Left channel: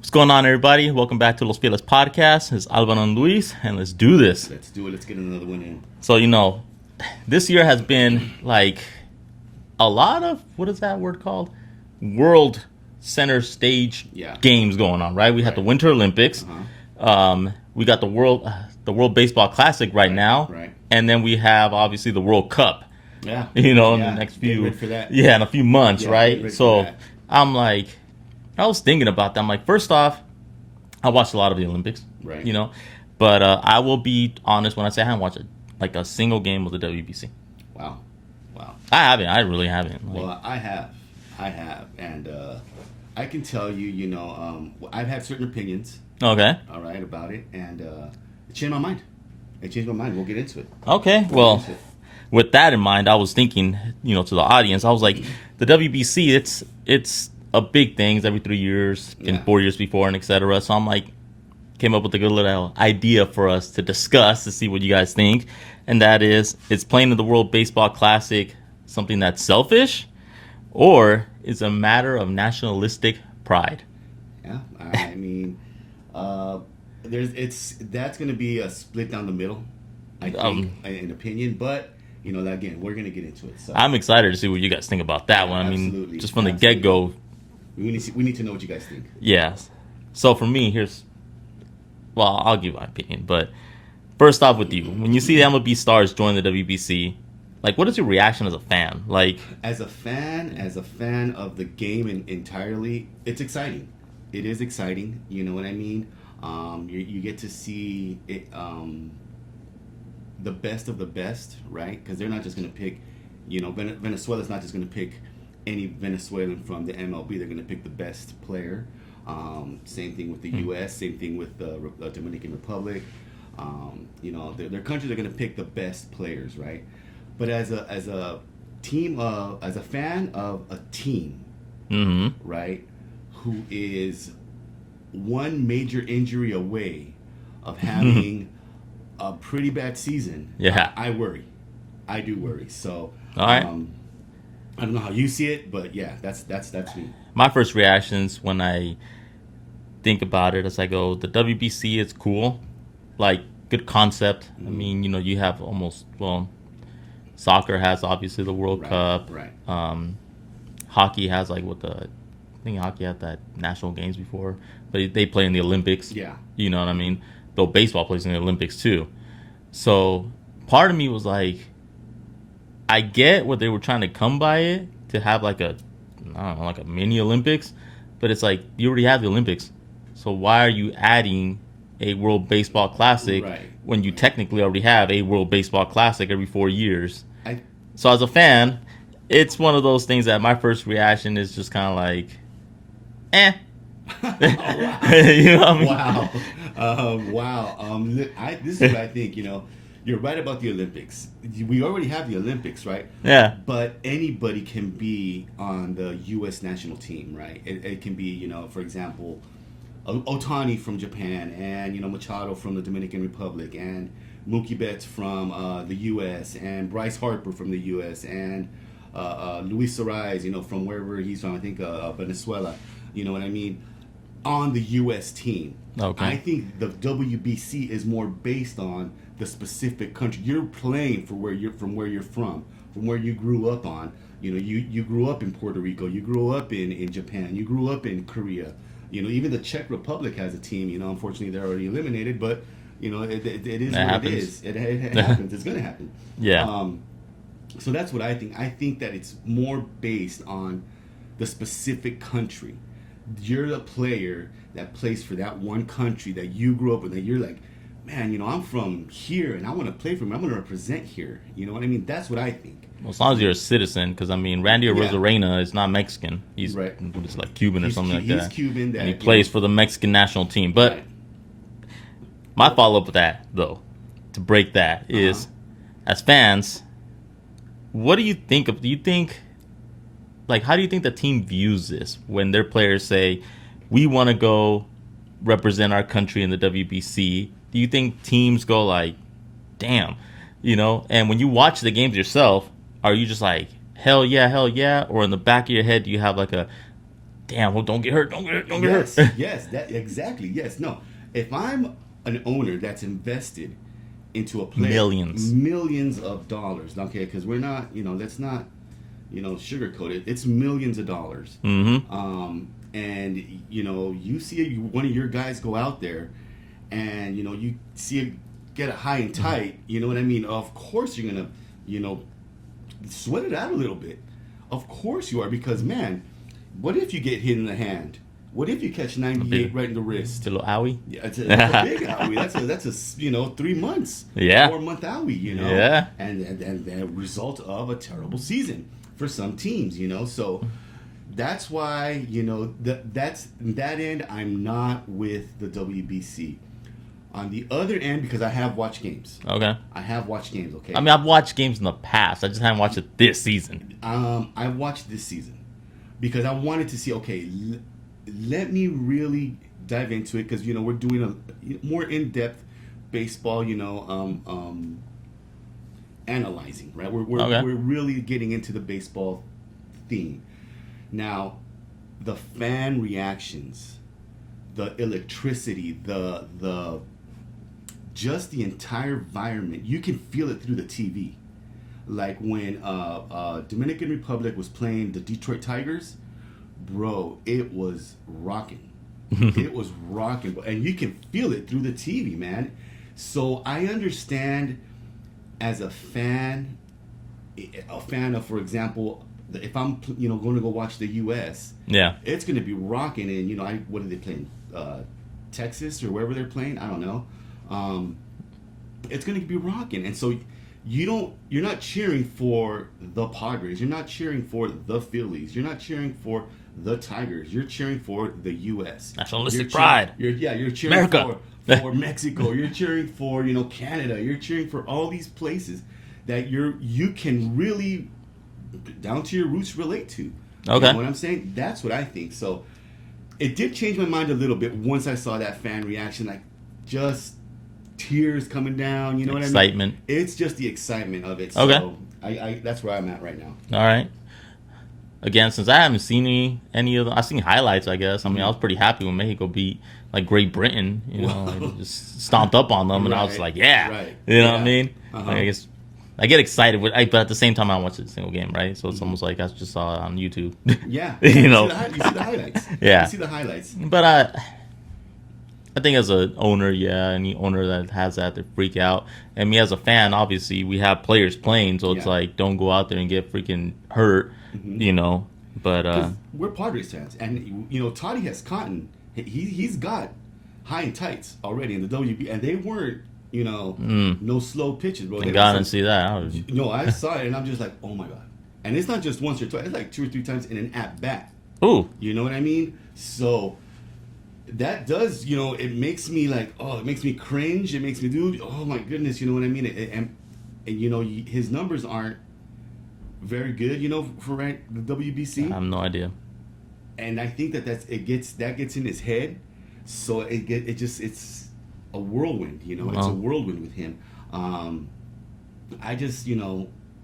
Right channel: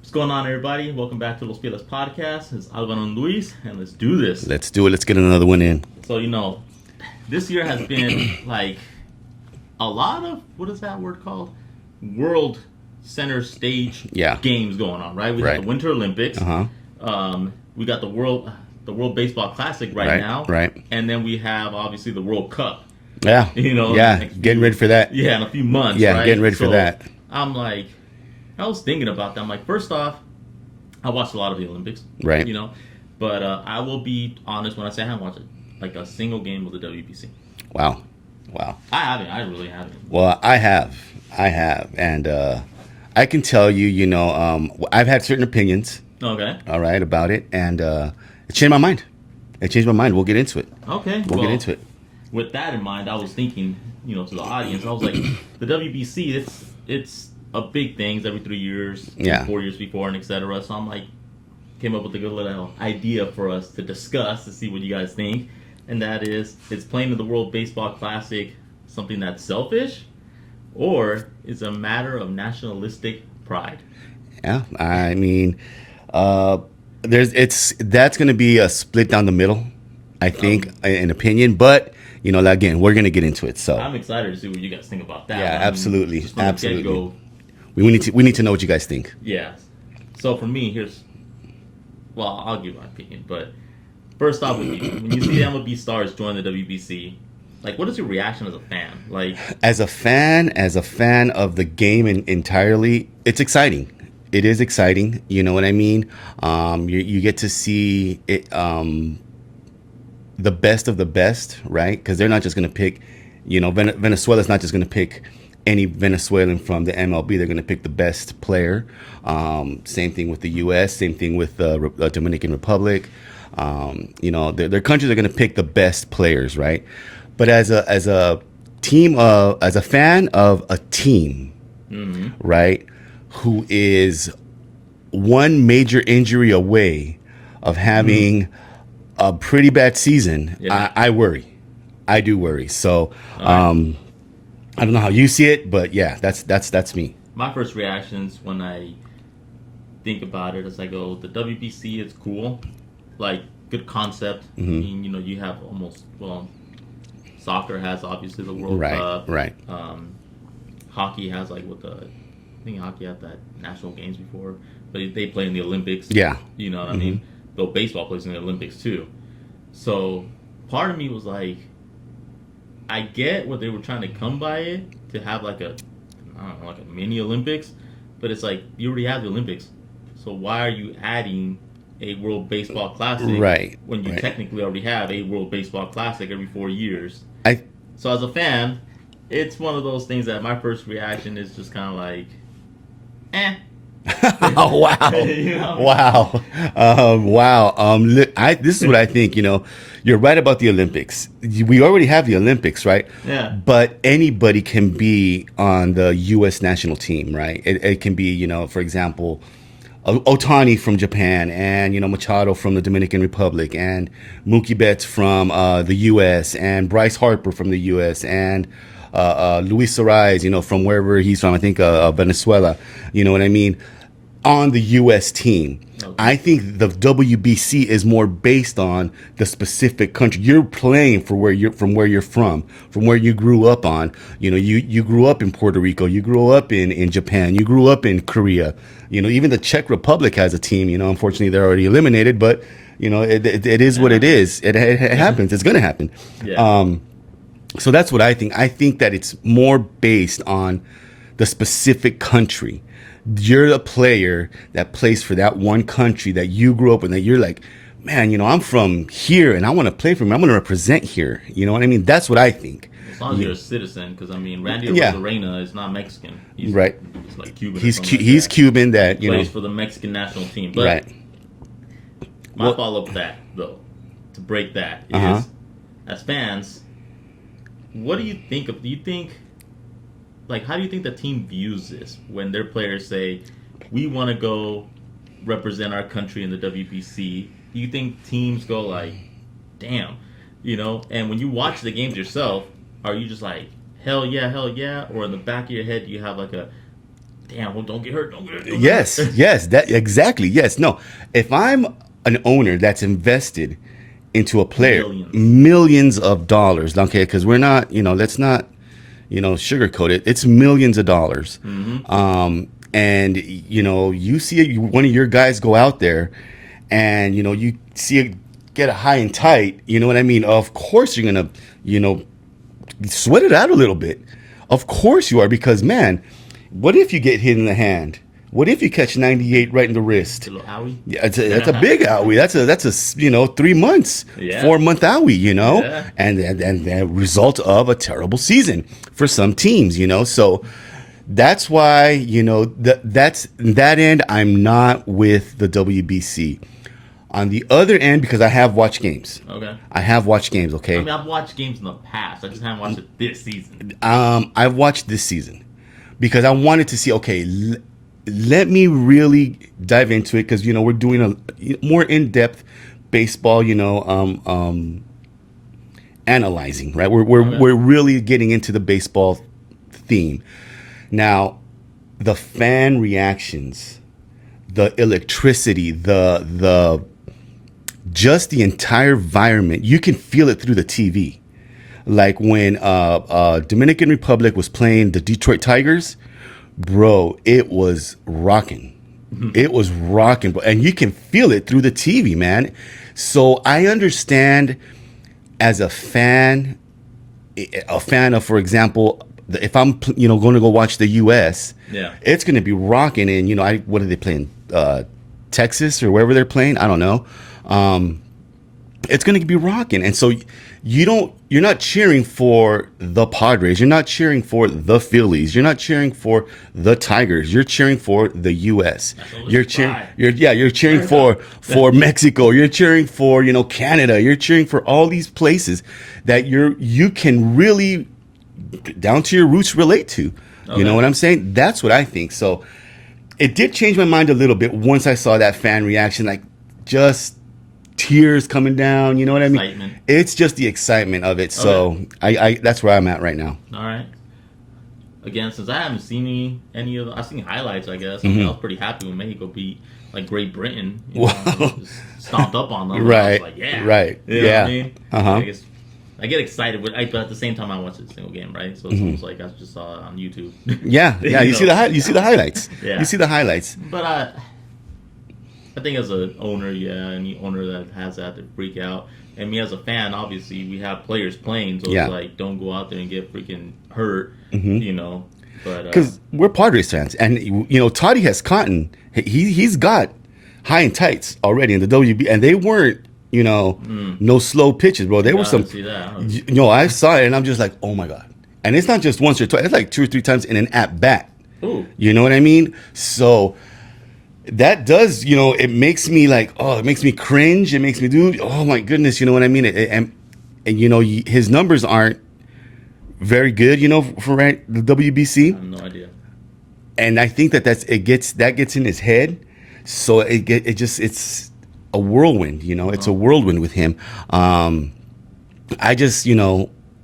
What's going on, everybody? Welcome back to Los Fieles Podcast. It's Alvaro and Luis, and let's do this. Let's do it. Let's get another one in. So, this year has been like a lot of, what is that word called? World center stage games going on, right? We got the Winter Olympics. We got the World Baseball Classic right now. Right. And then we have, obviously, the World Cup. Yeah. Getting ready for that. Yeah, in a few months, right? Getting ready for that. I was thinking about that. I'm like, first off, I watched a lot of the Olympics, right? But I will be honest when I say I haven't watched a single game of the WBC. Wow. I haven't. I really haven't. Well, I have, and I can tell you, I've had certain opinions. Okay. All right, about it, and it changed my mind. We'll get into it. Okay. We'll get into it. With that in mind, I was thinking, to the audience, I was like, the WBC, it's a big thing. It's every 3 years, 4 years before, and etc. So I'm like, came up with a good little idea for us to discuss to see what you guys think, and that is playing in the World Baseball Classic something that's selfish, or is a matter of nationalistic pride? Yeah, I mean, that's going to be a split down the middle, I think, in opinion, but. Again, we're going to get into it. So I'm excited to see what you guys think about that one. Absolutely. Just from the get-go. We need to know what you guys think. Yeah. So for me, I'll give my opinion. But first off with you, when you see the MLB stars join the WBC, what is your reaction as a fan? As a fan of the game entirely, it's exciting. It is exciting. You know what I mean? You get to see it. The best of the best, right? Because they're not just going to pick, Venezuela's not just going to pick any Venezuelan from the MLB. They're going to pick the best player. Same thing with the U.S. Same thing with the Dominican Republic. Their countries are going to pick the best players, right? But as a team, as a fan of a team, right, who is one major injury away of having a pretty bad season, I worry. I do worry. So I don't know how you see it, but yeah, that's me. My first reactions when I think about it is I go, the WBC is cool, good concept. I mean, you have soccer has obviously the World Cup. Right. Hockey has I think hockey had that national games before, but they play in the Olympics. Yeah. You know what I mean? Though baseball plays in the Olympics too. So part of me was like, I get what they were trying to come by it, to have a mini Olympics, but it's like, you already have the Olympics. So why are you adding a World Baseball Classic when you technically already have a World Baseball Classic every 4 years? So as a fan, it's one of those things that my first reaction is just kind of like, eh. Oh, wow. You know what I mean? Wow. This is what I think, you're right about the Olympics. We already have the Olympics, right? Yeah. But anybody can be on the U.S. national team, right? It can be, for example, Otani from Japan, and, Machado from the Dominican Republic, and Mookie Betts from the U.S., and Bryce Harper from the U.S., and Luis Suarez, from wherever he's from, I think Venezuela, you know what I mean, on the U.S. team. Okay. I think the WBC is more based on the specific country you're playing from where you're from where you grew up on. You grew up in Puerto Rico, you grew up in Japan, you grew up in Korea. Even the Czech Republic has a team. Unfortunately, they're already eliminated, but it is what it is. It happens. It's going to happen. Yeah. So that's what I think. I think that it's more based on the specific country. You're the player that plays for that one country that you grew up in, that you're like, man, I'm from here and I want to play for them. I want to represent here. You know what I mean? That's what I think. As long as you're a citizen, because Randy Arozarena is not Mexican. He's right. He's like Cuban. He's Cuban that he plays for the Mexican national team. But my follow up to that, though, to break that is, as fans, what do you think of? Do you think, how do you think the team views this when their players say, we want to go represent our country in the WBC? Do you think teams go like, damn, And when you watch the games yourself, are you just like, hell yeah, or in the back of your head, do you have damn, well, don't get hurt, don't get hurt, don't get Yes, hurt. yes, that exactly. Yes, no. If I'm an owner that's invested into a player, Millions. millions of dollars, okay, because we're not, let's not, sugarcoat it. It's millions of dollars. Mm-hmm. And you see one of your guys go out there, and you see it get a high and tight. You know what I mean? Of course you're gonna, sweat it out a little bit. Of course you are, because man, what if you get hit in the hand? What if you catch 98 right in the wrist? A little owie. Yeah, that's a big owie. That's a 3 months, Yeah. 4 month owie. Yeah. And the result of a terrible season for some teams. So that's why that's that end. I'm not with the WBC. On the other end, because I have watched games. Okay. I have watched games. Okay. I mean, I've watched games in the past. I just haven't watched it this season. I've watched this season because I wanted to see. Okay, let me really dive into it, because we're doing a more in-depth baseball. Analyzing, right? We're really getting into the baseball theme now. The fan reactions, the electricity, the just the entire environment. You can feel it through the TV. Like when Dominican Republic was playing the Detroit Tigers, bro, it was rocking. It was rocking, and you can feel it through the TV, man. So I understand, as a fan of, for example, if I'm going to go watch the U.S., Yeah. it's going to be rocking. And what are they playing? Texas or wherever they're playing? I don't know. It's going to be rocking, and so you're not cheering for the Padres, you're not cheering for the Phillies, you're not cheering for the Tigers, you're cheering for the U.S. Nationalistic pride. You're cheering America. for Mexico, you're cheering for Canada, you're cheering for all these places that you can really, down to your roots, relate to. You Okay. know what I'm saying? That's what I think. So it did change my mind a little bit once I saw that fan reaction, like just tears coming down. You know what I mean? Excitement. It's just the excitement of it. So I that's where I'm at right now. All right. Again, since I haven't seen any of them, I've seen highlights, I guess. I mean, I was pretty happy when Mexico beat like Great Britain. Just stomped up on them. And I was Right. like, yeah. Right. You know what Yeah. I mean? Uh-huh. I get excited, but at the same time, I watch a single game, right? So it's almost like I just saw it on YouTube. Yeah. You You know? see you see the highlights. Yeah. You see the highlights. But I think as an owner, any owner that has that, they freak out. And me as a fan, obviously, we have players playing, so Yeah. it's like, don't go out there and get freaking hurt, But Because we're Padres fans, and Toddy has cotton. He's got high and tights already in the WB, and they weren't no slow pitches, bro. They were gotta some. see that. I saw it, and I'm just like, oh my god. And it's not just once or twice; it's like 2 or 3 times in an at bat. Ooh. You know what I mean? So that does, it makes me like, oh, it makes me cringe. It makes me do, oh my goodness, you know what I mean? And his numbers aren't very good, for the WBC. I have no idea. And I think that gets in his head. So it's a whirlwind, it's a whirlwind with him. I just,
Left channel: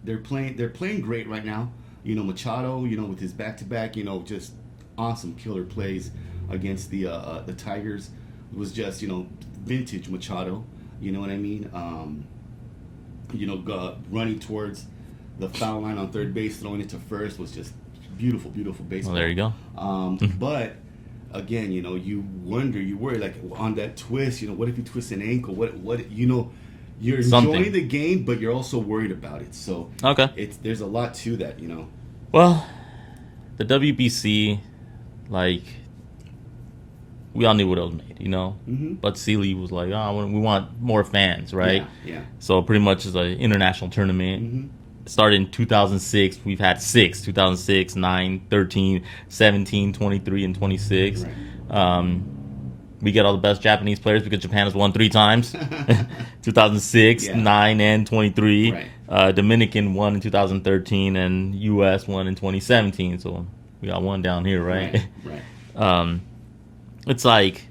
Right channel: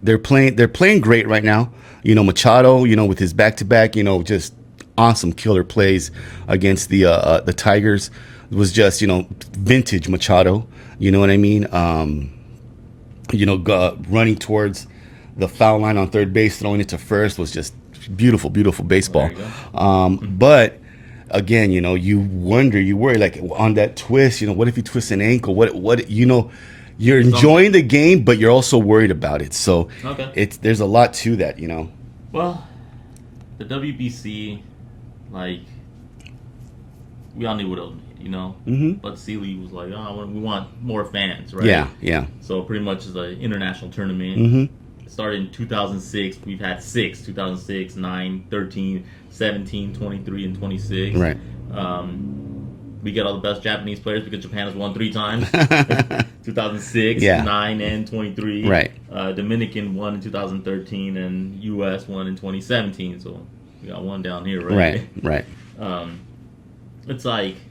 they're playing great right now. Machado, with his back-to-back, just awesome killer plays against the Tigers. It was just, vintage Machado. You know what I mean? Running towards the foul line on third base, throwing it to first was just beautiful, beautiful baseball. Well, there you go. But again, you worry, like on that twist, what if he twists an ankle? What you're enjoying the game, but you're also worried about it. So Okay. there's a lot to that, Well, the WBC, like, we all knew what it was made, Mm-hmm. But Sealy was like, oh, we want more fans, right? Yeah, yeah. So pretty much it's an international tournament. Mm-hmm. It started in 2006. We've had 2006, 9, 13, 17, 23, and 26. Right. We get all the best Japanese players because Japan has won 3 times. 2006, Yeah. 9, and 23. Right. Dominican won in 2013, and U.S. won in 2017. So we got one down here, right? Right. It's like,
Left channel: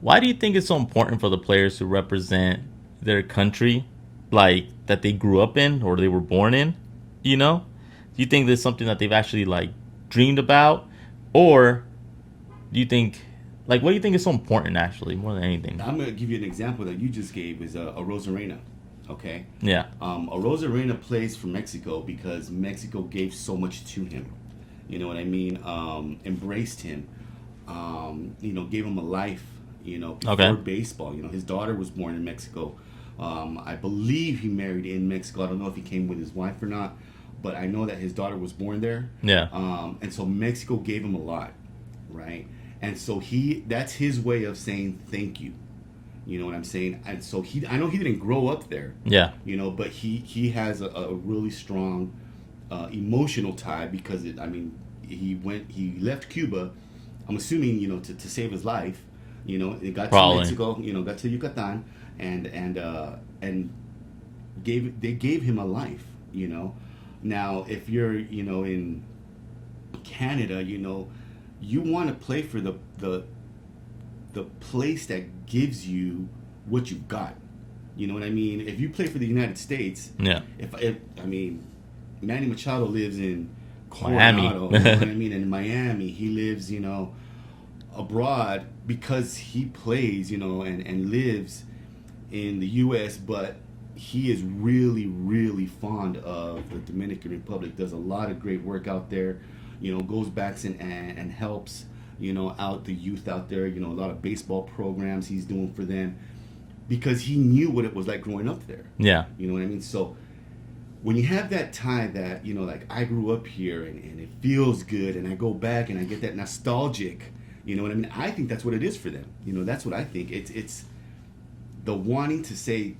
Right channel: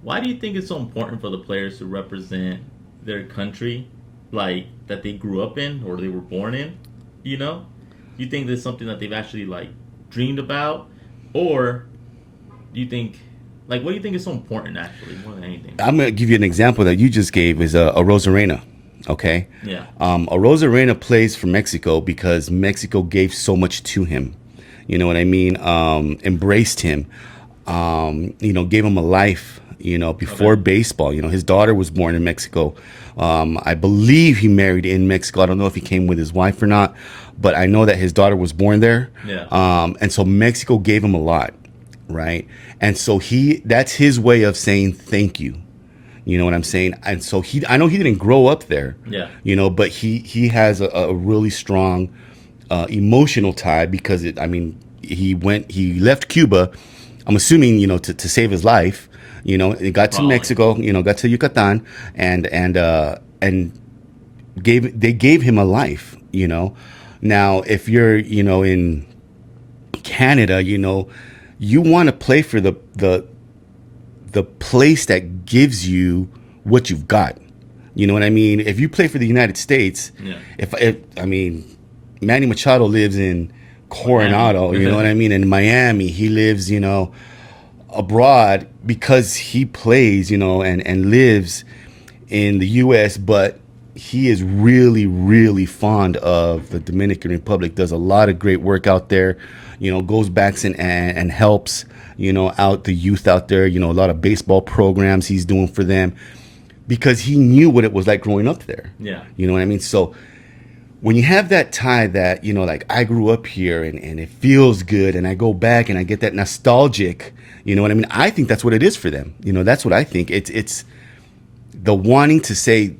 why do you think it's so important for the players to represent their country, like, that they grew up in or they were born in? Do you think there's something that they've actually, like, dreamed about? Or do you think, like, what do you think is so important actually more than anything? I'm gonna give you an example that you just gave is a Rosarena. Okay. Yeah. A Rosarena plays for Mexico because Mexico gave so much to him. You know what I mean? Embraced him. Gave him a life. Before Okay. baseball. His daughter was born in Mexico. I believe he married in Mexico. I don't know if he came with his wife or not, but I know that his daughter was born there. Yeah. And so Mexico gave him a lot, right? And so that's his way of saying thank you. You know what I'm saying? And so I know he didn't grow up there. Yeah. But he has a really strong emotional tie because he left Cuba. I'm assuming to save his life. It got to Probably. Mexico. Got to Yucatan, and they gave him a life. Now if you're in Canada, you want to play for the place that gives you what you've got. You know what I mean? If you play for the United States, Yeah. if I mean, Manny Machado lives in Coronado, Miami. you know what I mean? In Miami, he lives, abroad because he plays, and lives in the U.S., but he is really, really fond of the Dominican Republic, does a lot of great work out there, goes back and helps, out the youth out there, a lot of baseball programs he's doing for them because he knew what it was like growing up there. Yeah. You know what I mean? So when you have that tie that, like I grew up here and it feels good and I go back and I get that nostalgic, you know what I mean? I think that's what it is for them. That's what I think. It's the wanting to say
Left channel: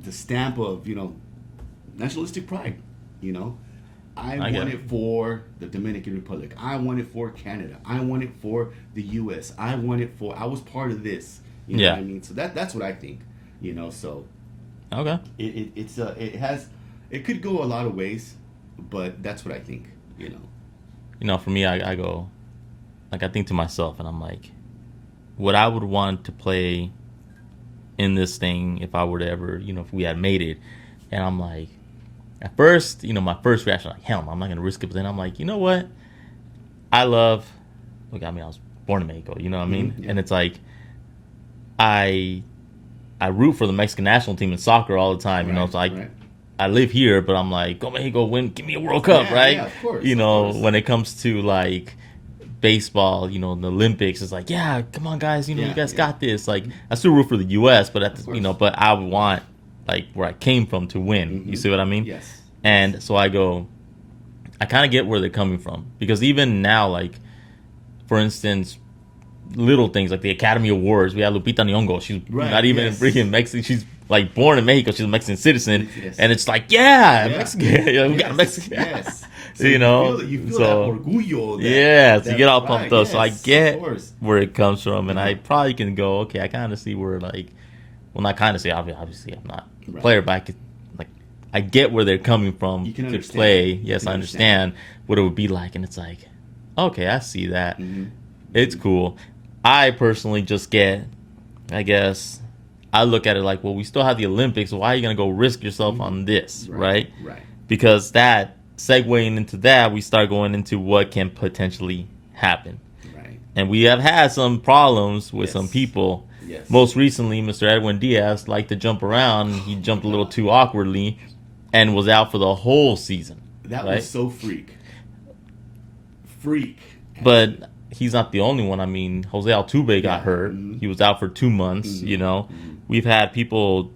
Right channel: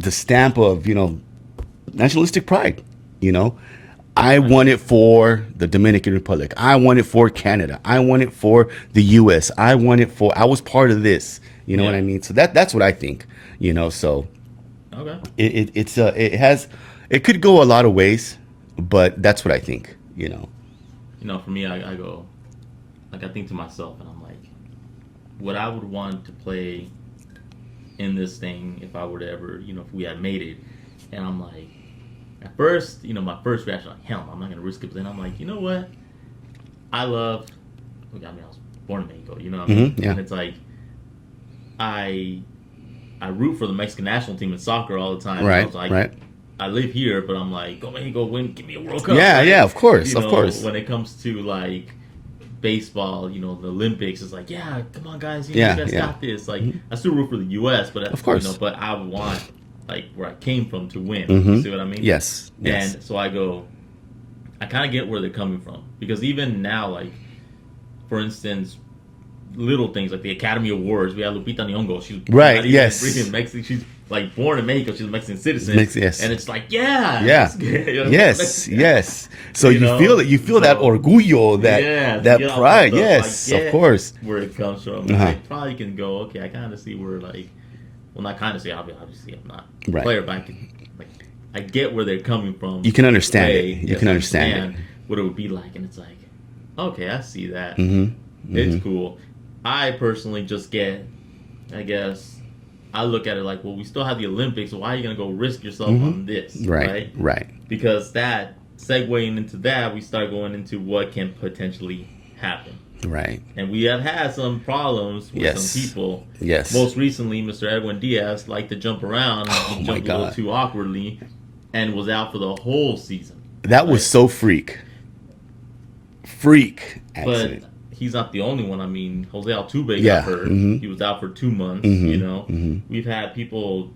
the stamp of, nationalistic pride, I want it for the Dominican Republic. I want it for Canada. I want it for the U.S. I was part of this. You know Yeah. what I mean? So that's what I think. So Okay. it could go a lot of ways, but that's what I think. For me, I go, like, I think to myself, and I'm like, what I would want to play in this thing if I were to ever, if we had made it, and I'm like, at first, my first reaction, like, hell, I'm not gonna risk it. But then I'm like, you know what? I was born in Mexico. You know what I mean? Yeah. And it's like, I root for the Mexican national team in soccer all the time. Right. It's like, Right. I live here, but I'm like, go Mexico, win, give me a World Cup. Yeah. Right? Yeah. Of course. Of course. When it comes to like baseball, the Olympics, it's like, yeah, come on, guys, Yeah, you guys yeah. got this. Like, I still root for the U.S., but Of course. but I would want like where I came from to win. You see what I mean? Yes. And so I kind of get where they're coming from because even now, like, for instance, little things like the Academy Awards, we have Lupita Nyong'o. She's Right, not even yes. freaking Mexican. She's like born in Mexico. She's a Mexican citizen. Yes. And it's like, yeah, Yeah. Mexican. Yes. Yes. So You know? you feel that orgullo, that to get all pride. pumped up. Yes. So I get Of course. where it comes from, and Uh-huh. I probably can go, okay, I kind of see where, like, well, not kind of see, obviously I'm not a Right. player, but I get where they're coming from. You can understand Play. it. You Yes, can I understand what it would be like, and it's like, okay, I see that. Mm-hmm. It's cool. I personally just get, I guess, I look at it like, well, we still have the Olympics, so why are you gonna go risk yourself on this, right? Right. Because that segueing into that, we start going into what can potentially happen. Right. And we have had some problems with Yes. some people. Yes. Most recently, Mr. Edwin Diaz liked to jump around. He jumped a little God. too awkwardly and was out for the whole season. That was Like, so freak. But actually. he's not the only one. I mean, Jose Altuve Yeah. got hurt. Mhm. He was out for 2 months, Mhm. We've had people,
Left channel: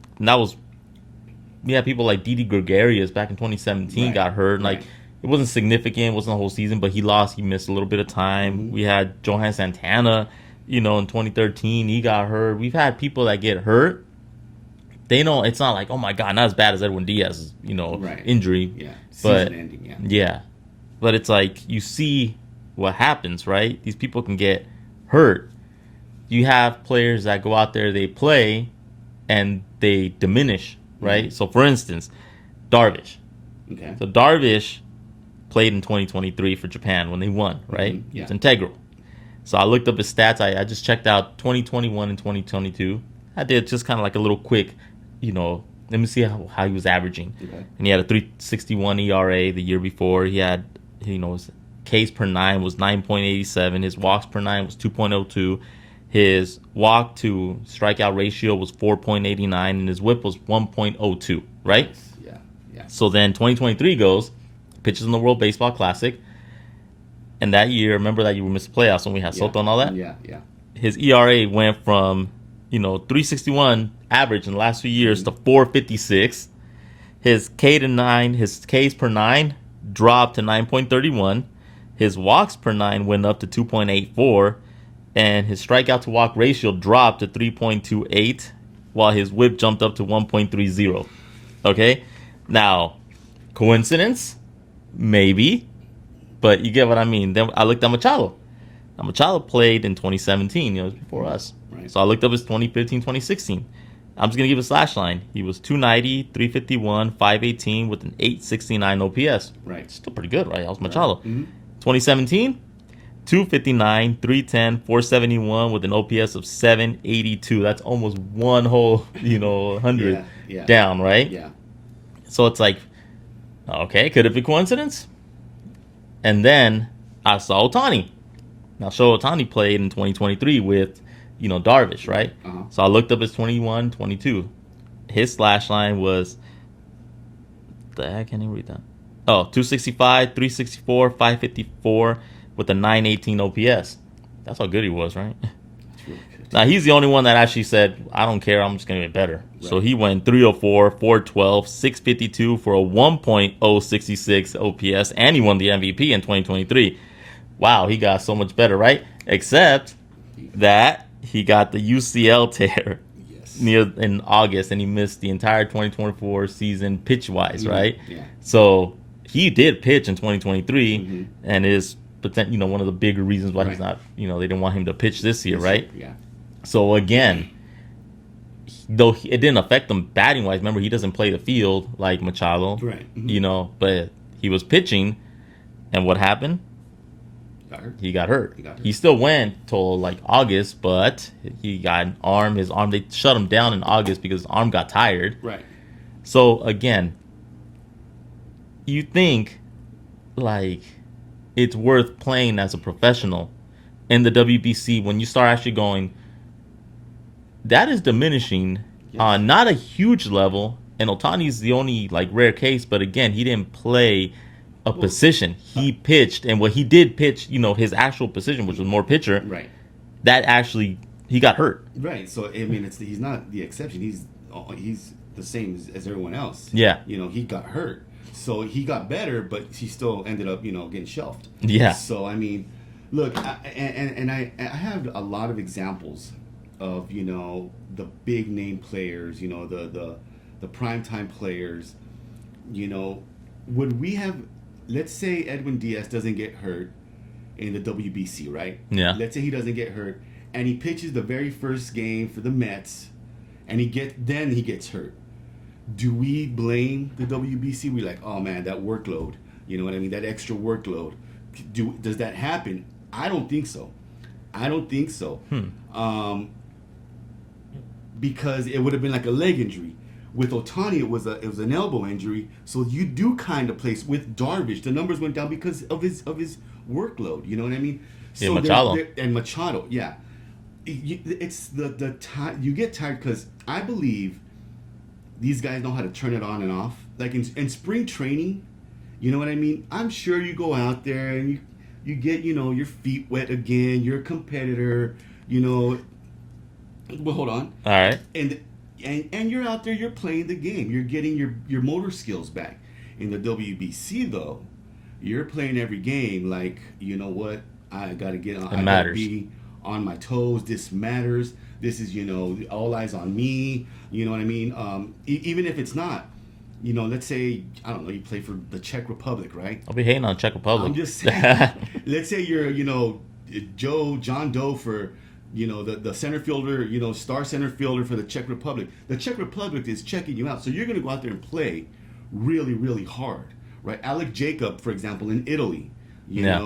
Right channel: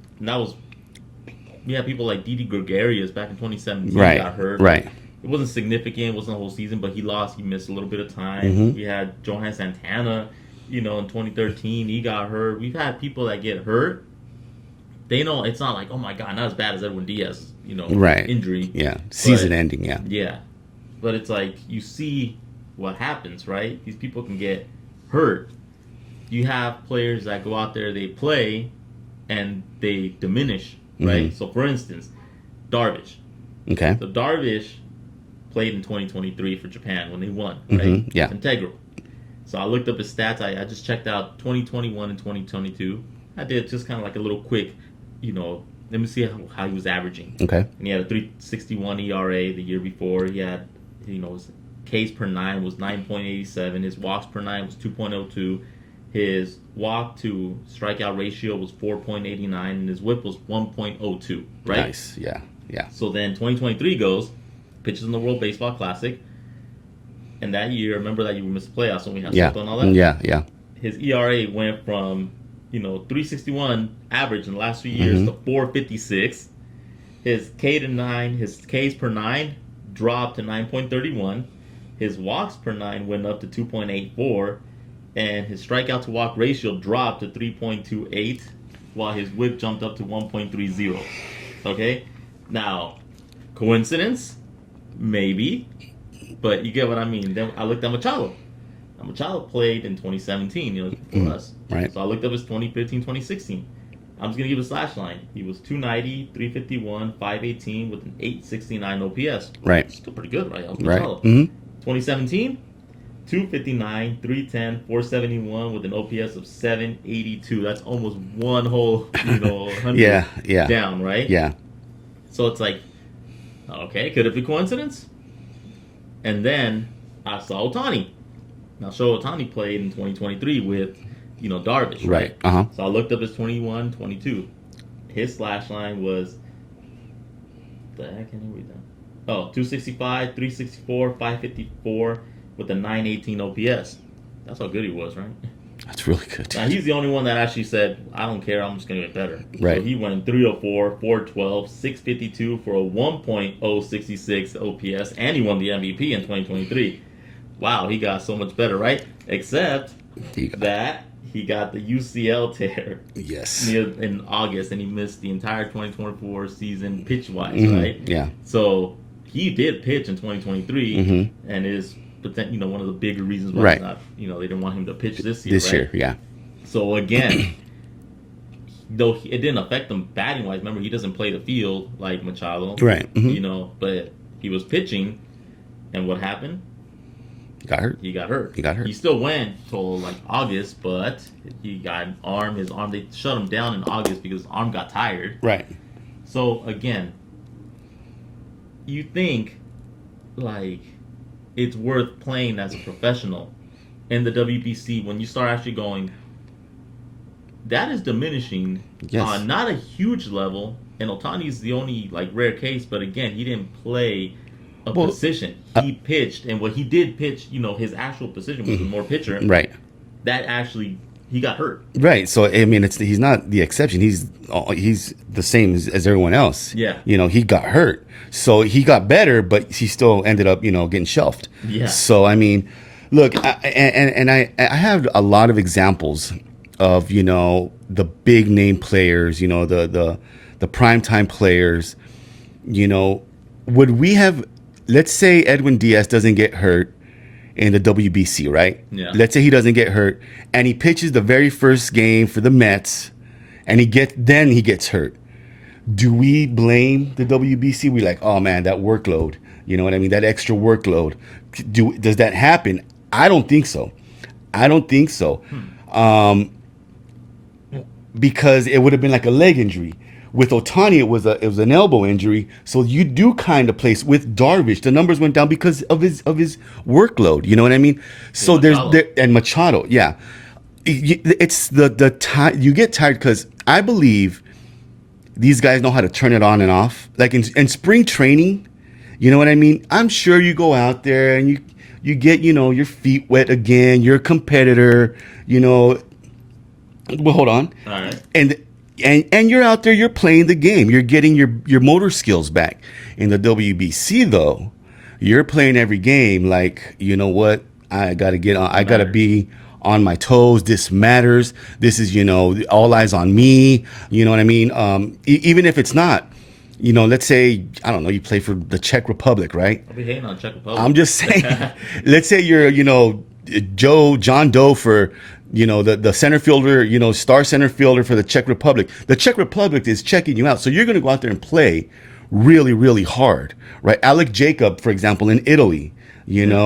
we had people like Didi Gregorius back in 2017 Right. got hurt. Right. Like, it wasn't significant, it wasn't the whole season, but he missed a little bit of time. Mhm. We had Johan Santana, in 2013, he got hurt. We've had people that get hurt. They know it's not like, oh my God, not as bad as Edwin Diaz's, Right. injury. Yeah. Season ending. Yeah. Yeah. But it's like, you see what happens, right? These people can get hurt. You have players that go out there, they play, and they diminish, right? Mhm. So, for instance, Darvish. Okay. So, Darvish played in 2023 for Japan when they won, right? Mhm, yeah. It's integral. So, I looked up his stats. I just checked out 2021 and 2022. I did just kind of like a little quick, let me see how he was averaging. Okay. And he had a 3.61 ERA the year before. He had, Ks per nine was 9.87. His walks per nine was 2.02. His walk to strikeout ratio was 4.89, and his whip was 1.02. Right? Nice. Yeah. Yeah. So then 2023 goes, pitches in the World Baseball Classic, and that year, remember that you missed the playoffs when we had Soto and all that? Yeah. Yeah. His ERA went from 361 average in the last few years to 456. His his Ks per nine dropped to 9.31. His walks per nine went up to 2.84, and his strikeout to walk ratio dropped to 3.28, while his whip jumped up to 1.30. Okay, now coincidence, maybe, but you get what I mean. Then I looked at Machado. Now, Machado played in 2017, before us. Right. So I looked up his 2015, 2016. I'm just going to give a slash line. He was 290, 351, 518 with an 869 OPS. Right. Still pretty good, right? That was Machado. Right. Mm-hmm. 2017, 259, 310, 471 with an OPS of 782. That's almost one whole, 100 yeah. down, right? Yeah. So it's like, okay, could it be coincidence? And then I saw Ohtani. Now, Ohtani played in 2023 with, Darvish, right? Uh-huh. So I looked up his 21, 22. His slash line was, the heck, can you read that? Oh, 265, 364, 554 with a 918 OPS. That's how good he was, right? That's really good. Now, he's the only one that actually said, I don't care, I'm just going to get better. Right. So he went 304, 412, 652 for a 1.066 OPS, and he won the MVP in 2023. Wow, he got so much better, right? Except that he got the UCL tear in August, and he missed the entire 2024 season pitch-wise, right? Yeah. So he did pitch in 2023, and is one of the bigger reasons why he's not, they didn't want him to pitch this year, right? Yeah. So again, though it didn't affect him batting-wise, remember, he doesn't play the field like Machado, right? But he was pitching, and what happened? He got hurt. He still went till like August, but he got an arm. His arm, they shut him down in August because his arm got tired. Right. So again, you think like it's worth playing as a professional in the WBC when you start actually going, that is diminishing on not a huge level. And Ohtani's the only like rare case, but again, he didn't play a position. He pitched, and what he did pitch, his actual position, which was more pitcher. Right. That actually, he got hurt. Right. So I mean, he's not the exception. He's the same as everyone else. Yeah. He got hurt, so he got better, but he still ended up, getting shelved. Yeah. So I mean, look, I have a lot of examples of the big name players, the primetime players. Would we have? Let's say Edwin Diaz doesn't get hurt in the WBC, right? Yeah. Let's say he doesn't get hurt, and he pitches the very first game for the Mets, and he gets hurt. Do we blame the WBC? We're like, oh man, that workload. You know what I mean? That extra workload. Does that happen? I don't think so. Because it would have been like a leg injury. With Ohtani, it was an elbow injury, so you do kind of place with Darvish. The numbers went down because of his workload. You know what I mean? So and Machado, yeah. It's the time you get tired because I believe these guys know how to turn it on and off. Like in spring training, you know what I mean? I'm sure you go out there and you get your feet wet again. You're a competitor. Well, hold on. All right. And you're out there, you're playing the game. You're getting your motor skills back. In the WBC, though, you're playing every game like, you know what? I got to get on. I got to be on my toes. This matters. This is, all eyes on me. You know what I mean? Even if it's not, let's say, I don't know, you play for the Czech Republic, right? I'll be hating on Czech Republic. I'm just saying, let's say you're, John Doe for, the center fielder, star center fielder for the Czech Republic. The Czech Republic is checking you out. So you're going to go out there and play really, really hard, right? Alec Jacob, for example, in Italy, he went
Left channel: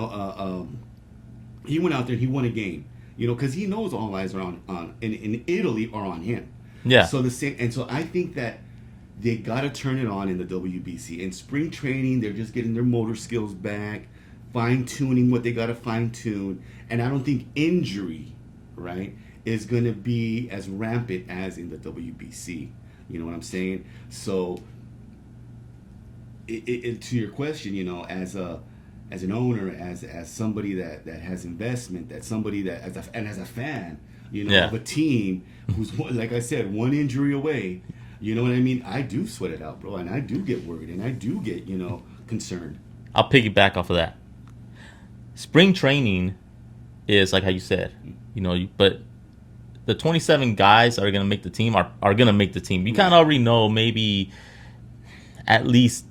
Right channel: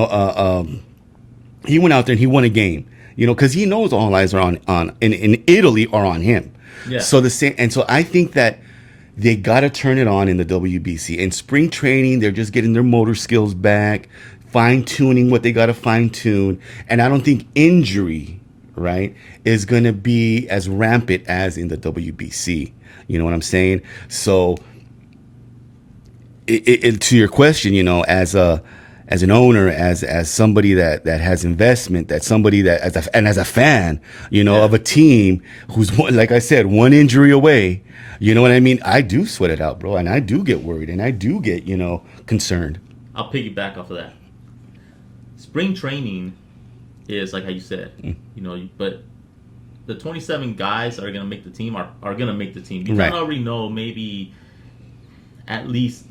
out there and he won a game, because he knows all eyes are in Italy are on him. Yeah. So so I think that they got to turn it on in the WBC. In spring training, they're just getting their motor skills back, fine tuning what they got to fine tune, and I don't think injury, right, is going to be as rampant as in the WBC. You know what I'm saying? So, to your question, as an owner, as somebody that has investment, that somebody that as a fan, of a team who's like I said, one injury away. You know what I mean? I do sweat it out, bro, and I do get worried, and I do get concerned. I'll piggyback off of that. Spring training is like how you said, but the 27 guys that are going to make the team are going to make the team. You kind of already know maybe at least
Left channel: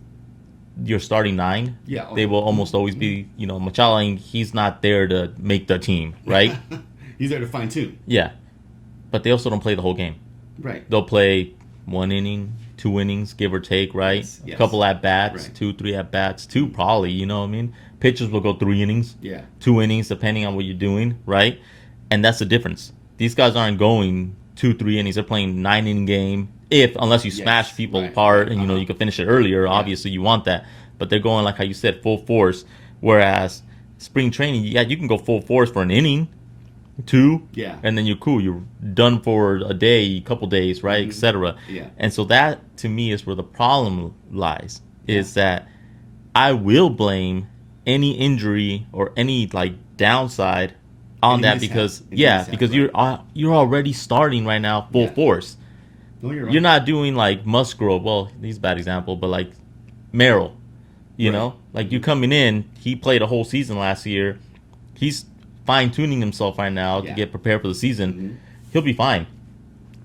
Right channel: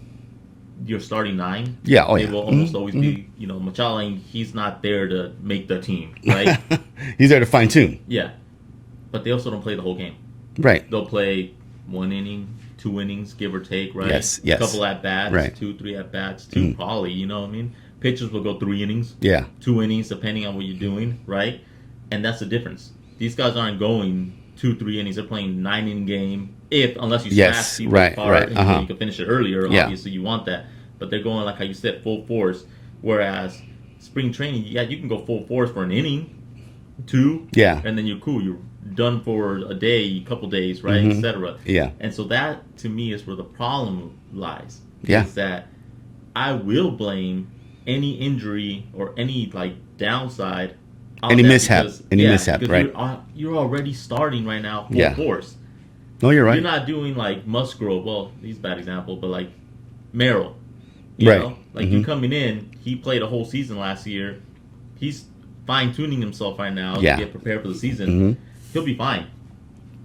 your starting 9. Yeah, they will almost always be, Machala, he's not there to make the team, right? He's there to fine tune. Yeah. But they also don't play the whole game. Right. They'll play 1 inning, 2 innings, give or take, right? Yes. A couple at bats, right. 2, 3 at bats, 2 probably, you know what I mean? Pitchers will go 3 innings, yeah, 2 innings, depending on what you're doing, right? And that's the difference. These guys aren't going 2, 3 innings. They're playing 9-inning game. Unless you smash people apart and you can finish it earlier, obviously you want that. But they're going, like how you said, full force. Whereas spring training, you can go full force for an inning, 2, and then you're cool. You're done for a day, couple days, right, etc. Yeah. And so that, to me, is where the problem lies. Is that I will blame any injury or any downside on any that mishap. because right. you're already starting right now full force. No, you're right. You're not doing like Musgrove. Well, he's a bad example, but like Merrill, you know, you coming in. He played a whole season last year. He's fine tuning himself right now to get prepared for the season. He'll be fine.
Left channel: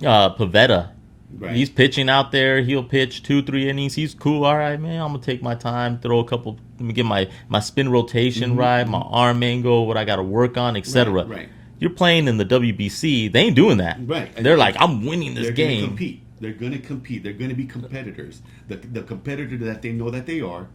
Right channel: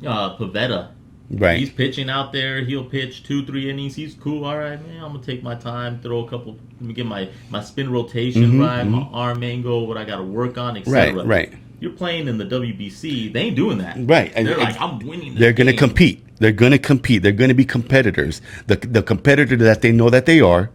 Pavetta. Right. He's pitching out there. He'll pitch 2, 3 innings. He's cool. All right, man. I'm gonna take my time, throw a couple. Let me get my spin rotation right, my arm angle, what I got to work on, etc. Right. You're playing in the WBC. They ain't doing that. Right. They're like, I'm winning this They're game. going to compete. They're going to compete. They're going to be competitors. The competitor that they know that they are,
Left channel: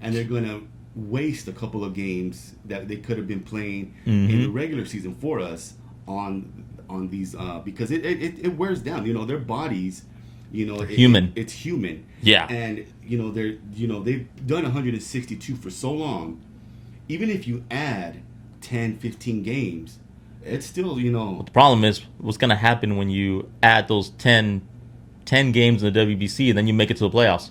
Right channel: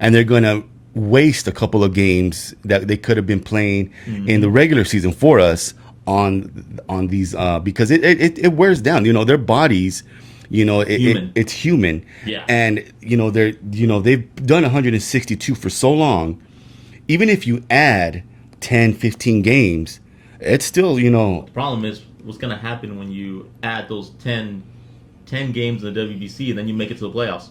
and they're going to waste a couple of games that they could have been playing in the regular season for us on these because it wears down. Their bodies. It's human. Yeah. And they've done 162 for so long. Even if you add 10, 15 games, it's still, The problem is what's going to happen when you add those 10 games in the WBC and then you make it to the playoffs.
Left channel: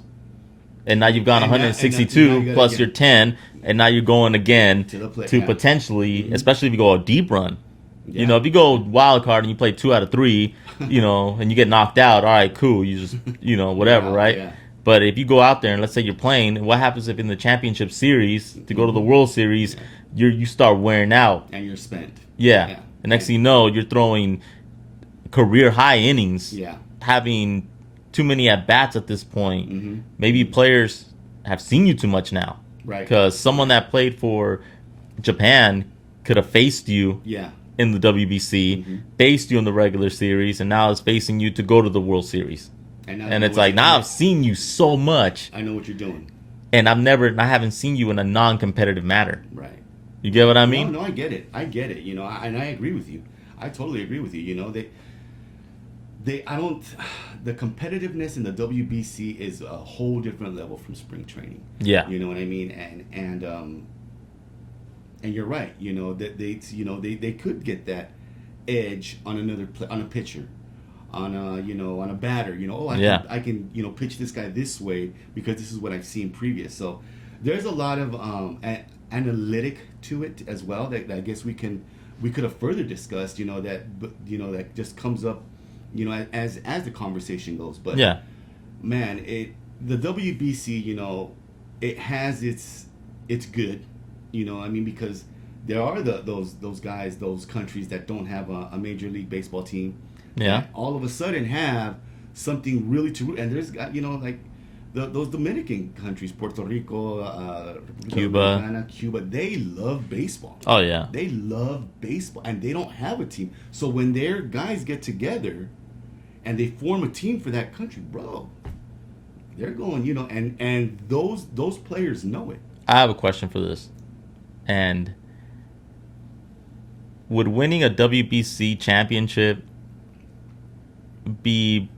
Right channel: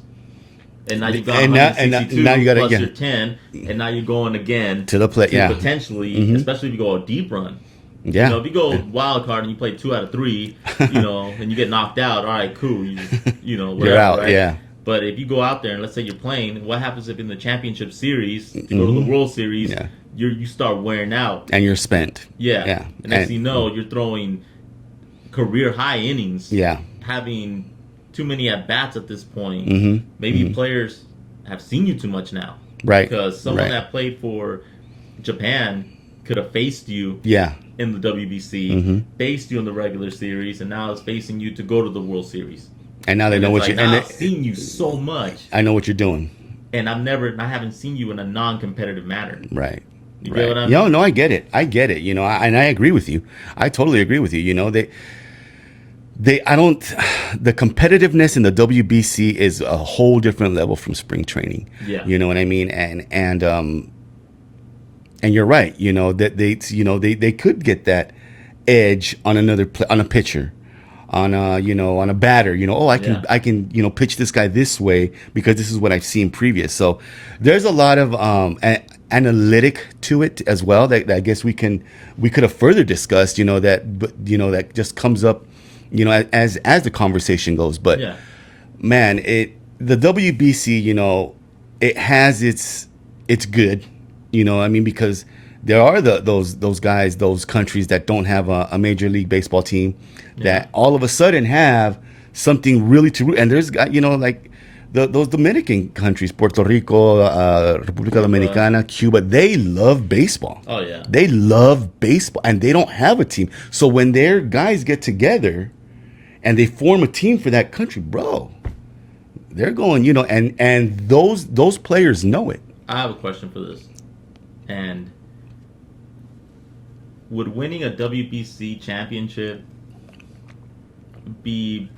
And now you've got 162 now you gotta, plus your 10, and now you're going again to the play, potentially, especially if you go a deep run. Yeah. If you go wild card and you play 2 out of 3, and you get knocked out, all right, cool. You just, whatever, out, right? Yeah. But if you go out there and let's say you're playing, what happens if in the championship series to go to the World Series, you start wearing out and you're spent? Yeah. And next thing you know, you're throwing career high innings. Yeah. Having too many at bats at this point. Maybe players have seen you too much now. Right. Because someone that played for Japan could have faced you. Yeah. In the WBC, faced you in the regular series, and now is facing you to go to the World Series. And now they know what now I've seen you so much. I know what you're doing. And I haven't seen you in a non-competitive manner. Right. You get what I mean? No, I get it. And I agree with you. I totally agree with you. The competitiveness in the WBC is a whole different level from spring training. Yeah. You know what I mean? And you're right. That they could get that edge on on a pitcher, on a batter. I can pitch this guy this way because this is what I've seen previous. So there's a lot of analytic to it as well that I guess we could have further discussed. That just comes up, as the conversation goes. But man, the WBC, it has its good. Because there are those guys, those countries that don't have a major league baseball team that all of a sudden have something really to root. And there's like those Dominican countries, Puerto Rico, República Dominicana, Cuba, they love baseball. Oh yeah, they love baseball, and they don't have a team. So when their guys get together and they form a team for that country, bro, they're going, and those players know it. I have a question for this. And would winning a WBC championship be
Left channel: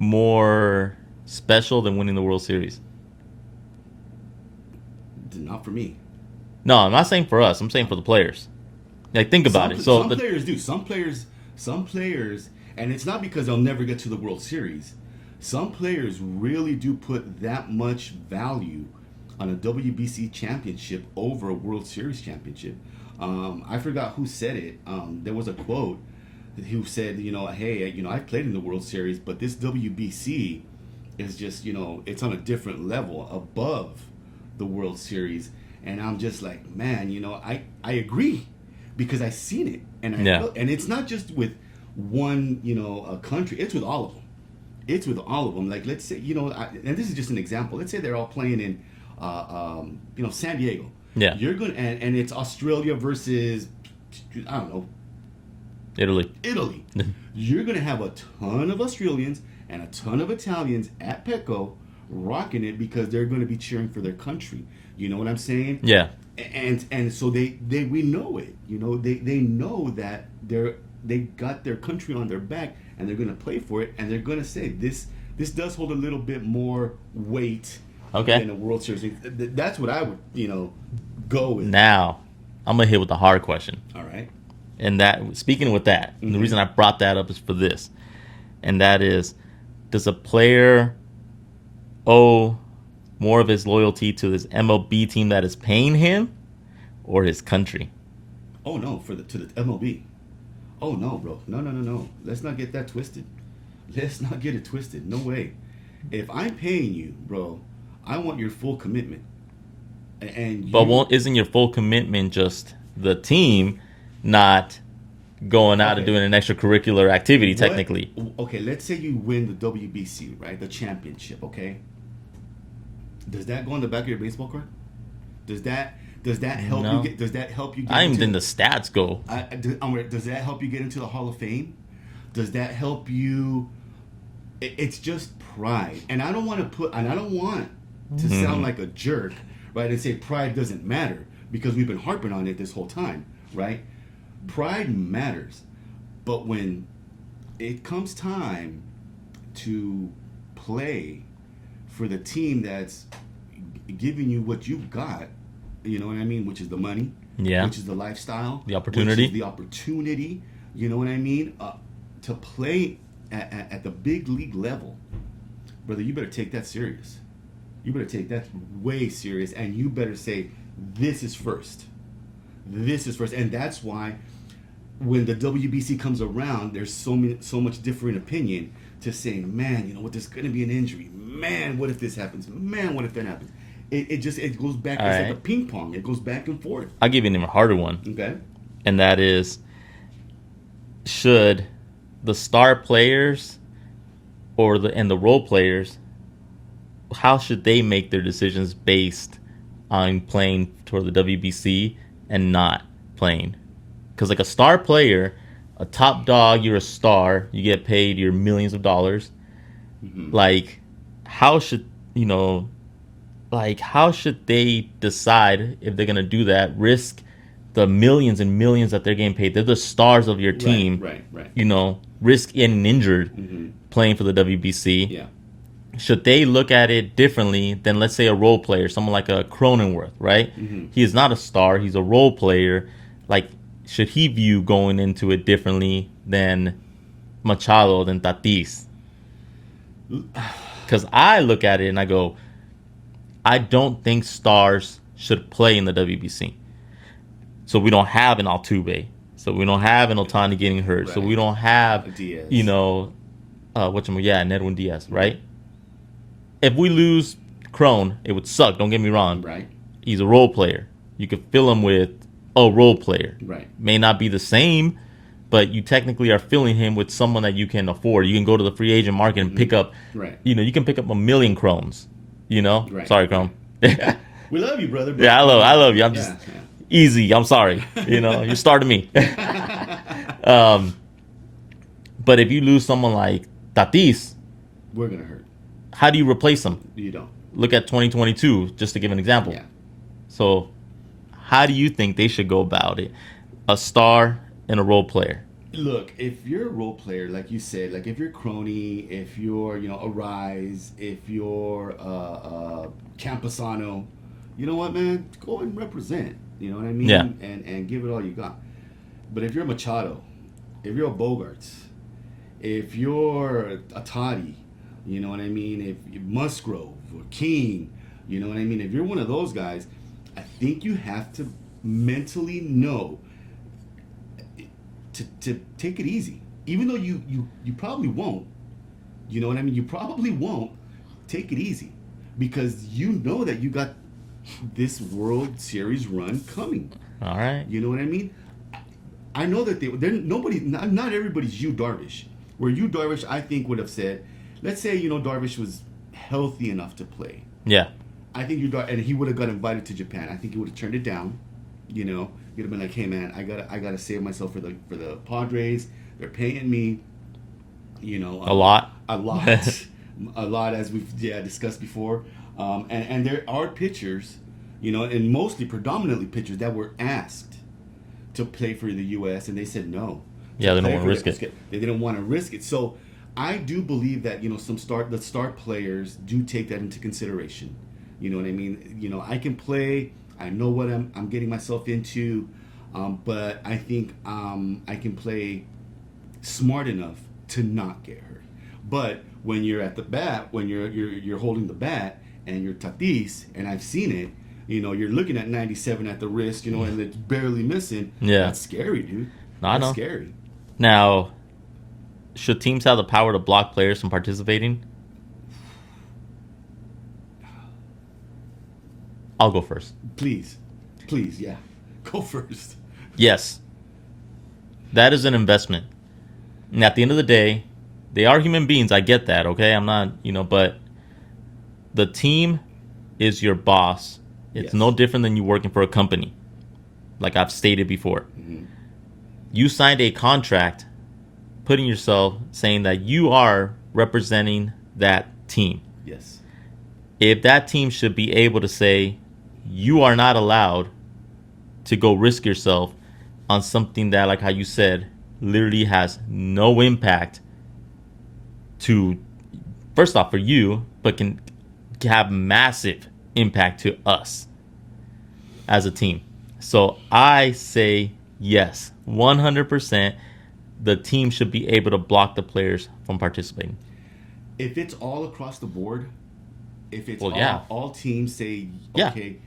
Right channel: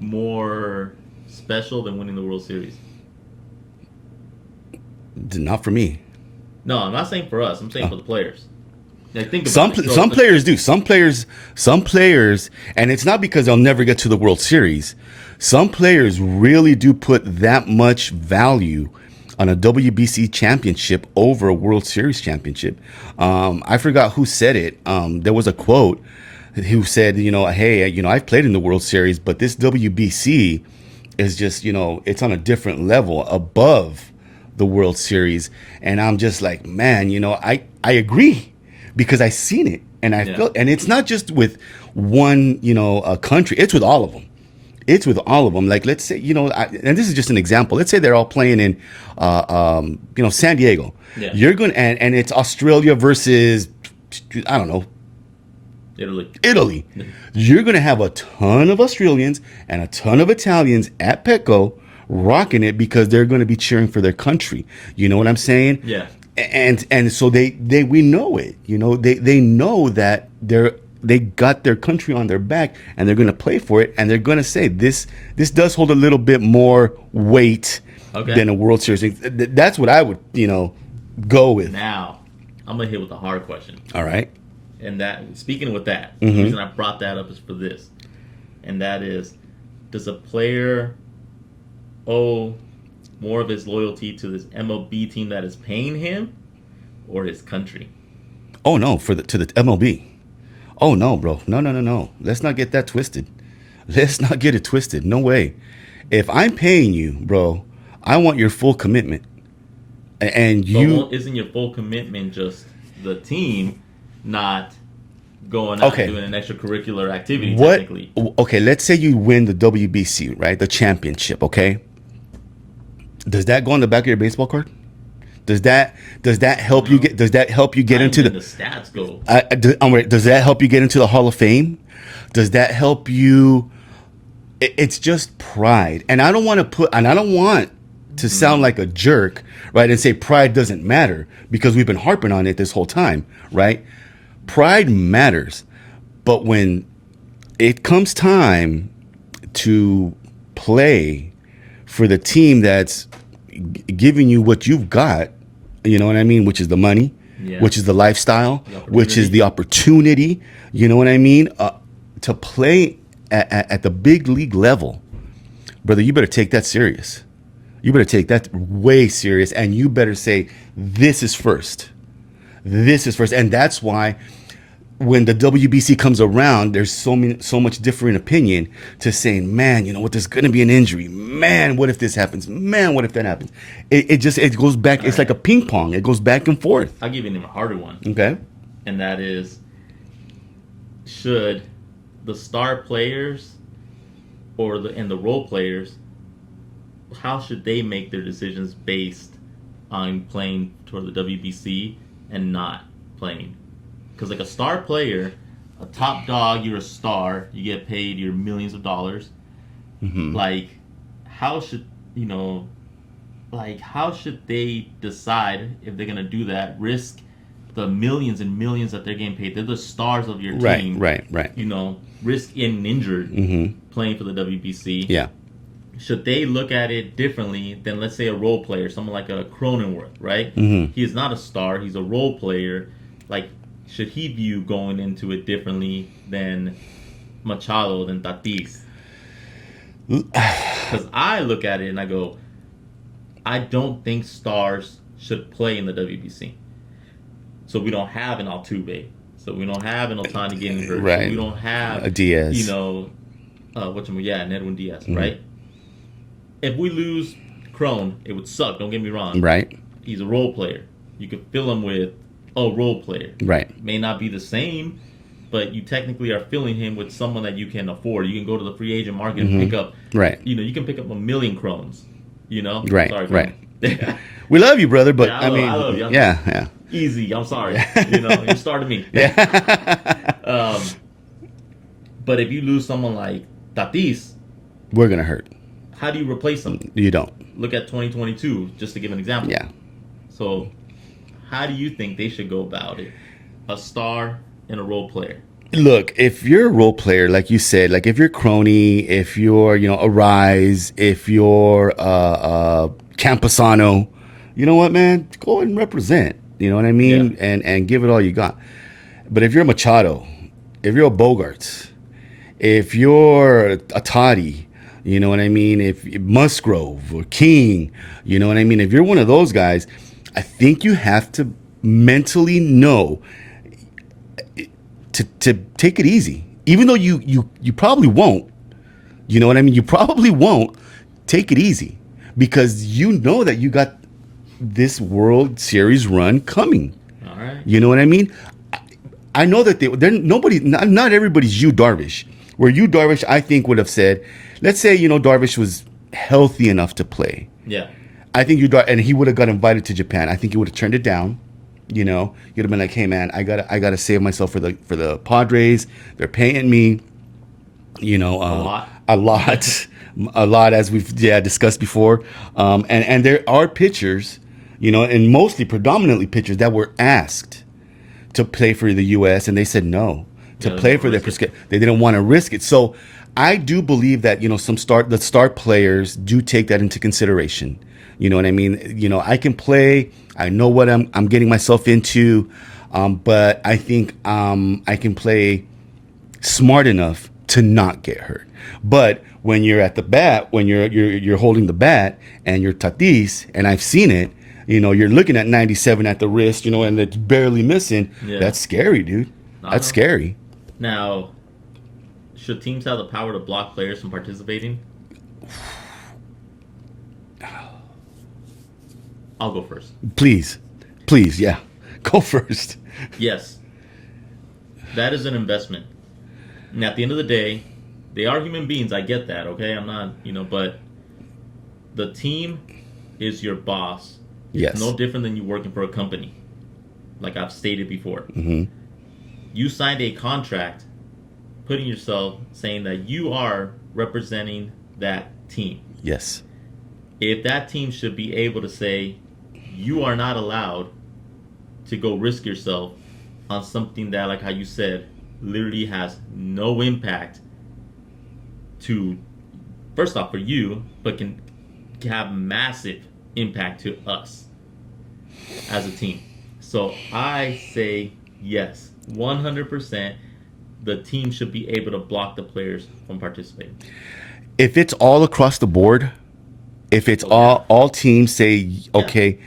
more special than winning the World Series? Not for me. No, I'm not saying for us. I'm saying for the players. Like, think about it. So Some players do. Some players, and it's not because they'll never get to the World Series. Some players really do put that much value on a WBC championship over a World Series championship. I forgot who said it. There was a quote who said, hey, I've played in the World Series, but this WBC is just, it's on a different level above the World Series. And I'm just like, man, I agree because I seen it and I Yeah. felt, and it's not just with one, a country. It's with all of them. It's with all of them. Like, let's say, and this is just an example. Let's say they're all playing in, San Diego. Yeah. You're going to, and it's Australia versus, I don't know, Italy. You're going to have a ton of Australians and a ton of Italians at Petco rocking it because they're going to be cheering for their country. You know what I'm saying? Yeah. And so we know it. They know that they got their country on their back and they're going to play for it, and they're going to say this does hold a little bit more weight than a World Series. That's what I would go with. Now, I'm gonna hit with the hard question. All right. And that, speaking with that, the reason I brought that up is for this, and that is, does a player owe more of his loyalty to this MLB team that is paying him, or his country? Oh no, to the MLB. Oh no, bro. No. Let's not get that twisted. Let's not get it twisted. No way. If I'm paying you, bro, I want your full commitment. And But isn't your full commitment just the team, not going out and doing an extracurricular activity, technically? Okay, let's say you win the WBC, right? The championship, okay? Does that go on the back of your baseball card? Does that help you get? Does that help you get into the stats go? Does that help you get into the Hall of Fame? Does that help you? It's just pride, and I don't want to sound like a jerk, right? And say pride doesn't matter, because we've been harping on it this whole time, right? Pride matters, but when it comes time to play for the team that's giving you what you've got, you know what I mean, which is the money, which is the lifestyle, which is the opportunity, you know what I mean, to play at the big league level, brother, you better take that serious. You better take that way serious, and you better say, this is first. This is first. And that's why when the WBC comes around, there's so much different opinion to saying, man, you know what, there's going to be an injury. Man, what if this happens? Man, what if that happens? It goes back. It's like a ping pong. It goes back and forth. I'll give you an even harder one. Okay. And that is, should the star players or the role players, how should they make their decisions based on playing toward the WBC and not playing? Because like a star player, a top dog, you're a star, you get paid your millions of dollars. Mm-hmm. Like, how should they decide if they're gonna do that? Risk the millions and millions that they're getting paid. They're the stars of your team. Right. Risk getting injured playing for the WBC. Yeah. Should they look at it differently than, let's say, a role player, someone like a Cronenworth, right? Mm-hmm. He is not a star. He's a role player. Like, should he view going into it differently than Machado, than Tatis? Because I look at it and I go, I don't think stars should play in the WBC. So we don't have an Altuve. So we don't have an Otani getting hurt. Right. So we don't have a Diaz. and Edwin Diaz, right? If we lose Crone, it would suck. Don't get me wrong. Right. He's a role player. You could fill him with a role player. Right. May not be the same, but you technically are filling him with someone that you can afford. You can go to the free agent market and pick up. Right. You can pick up 1 million Crones. Right. Sorry, Crone. Right. We love you, brother. But yeah, I love you. I'm yeah. Easy. I'm sorry. You're starting me. But if you lose someone like Tatis, we're gonna hurt. how do you replace him? You don't. Look at 2022, just to give an example. Yeah. So, how do you think they should go about it? A star and a role player. Look, if you're a role player, like you said, like if you're Crony, if you're, Arise, if you're Camposano, you know what, man? Go and represent. You know what I mean? Yeah. And give it all you got. But if you're a Machado, if you're a Bogarts, if you're a Toddy, you know what I mean? If Musgrove or King, you know what I mean? If you're one of those guys, I think you have to mentally know to take it easy. Even though you probably won't, you know what I mean? You probably won't take it easy because you know that you got this World Series run coming. All right. You know what I mean? I know that they're nobody, not everybody's Yu Darvish. Where Yu Darvish, I think, would have said, let's say, you know, Darvish was healthy enough to play. Yeah. I think and he would have got invited to Japan. I think he would have turned it down. You know, he'd have been like, "Hey, man, I gotta save myself for the Padres. They're paying me, you know, A lot. a lot, as we've discussed before. And there are pitchers, you know, and mostly predominantly pitchers that were asked to play for the U.S. and they said no to play for their. They didn't want to risk it. So I do believe that, you know, the star players do take that into consideration. You know what I mean? You know, I can play. I know what I'm getting myself into, but I think I can play smart enough to not get hurt. But when you're at the bat, when you're holding the bat and you're Tatis, and I've seen it, you know, you're looking at 97 at the wrist, you know, and it's barely missing. Yeah. That's scary, dude. That's scary. Now, should teams have the power to block players from participating? I'll go first. Please, yeah. Go first. Yes. That is an investment. And at the end of the day, they are human beings. I get that, okay? I'm not, you know, but the team is your boss. It's no different than you working for a company, like I've stated before. Mm-hmm. You signed a contract putting yourself, saying that you are representing that team. Yes. If that team should be able to say, you are not allowed to go risk yourself on something that, like how you said, literally has no impact to, first off, for you, but can have massive impact to us as a team. So I say yes, 100%. The team should be able to block the players from participating. If it's all across the board, if it's all teams say, okay,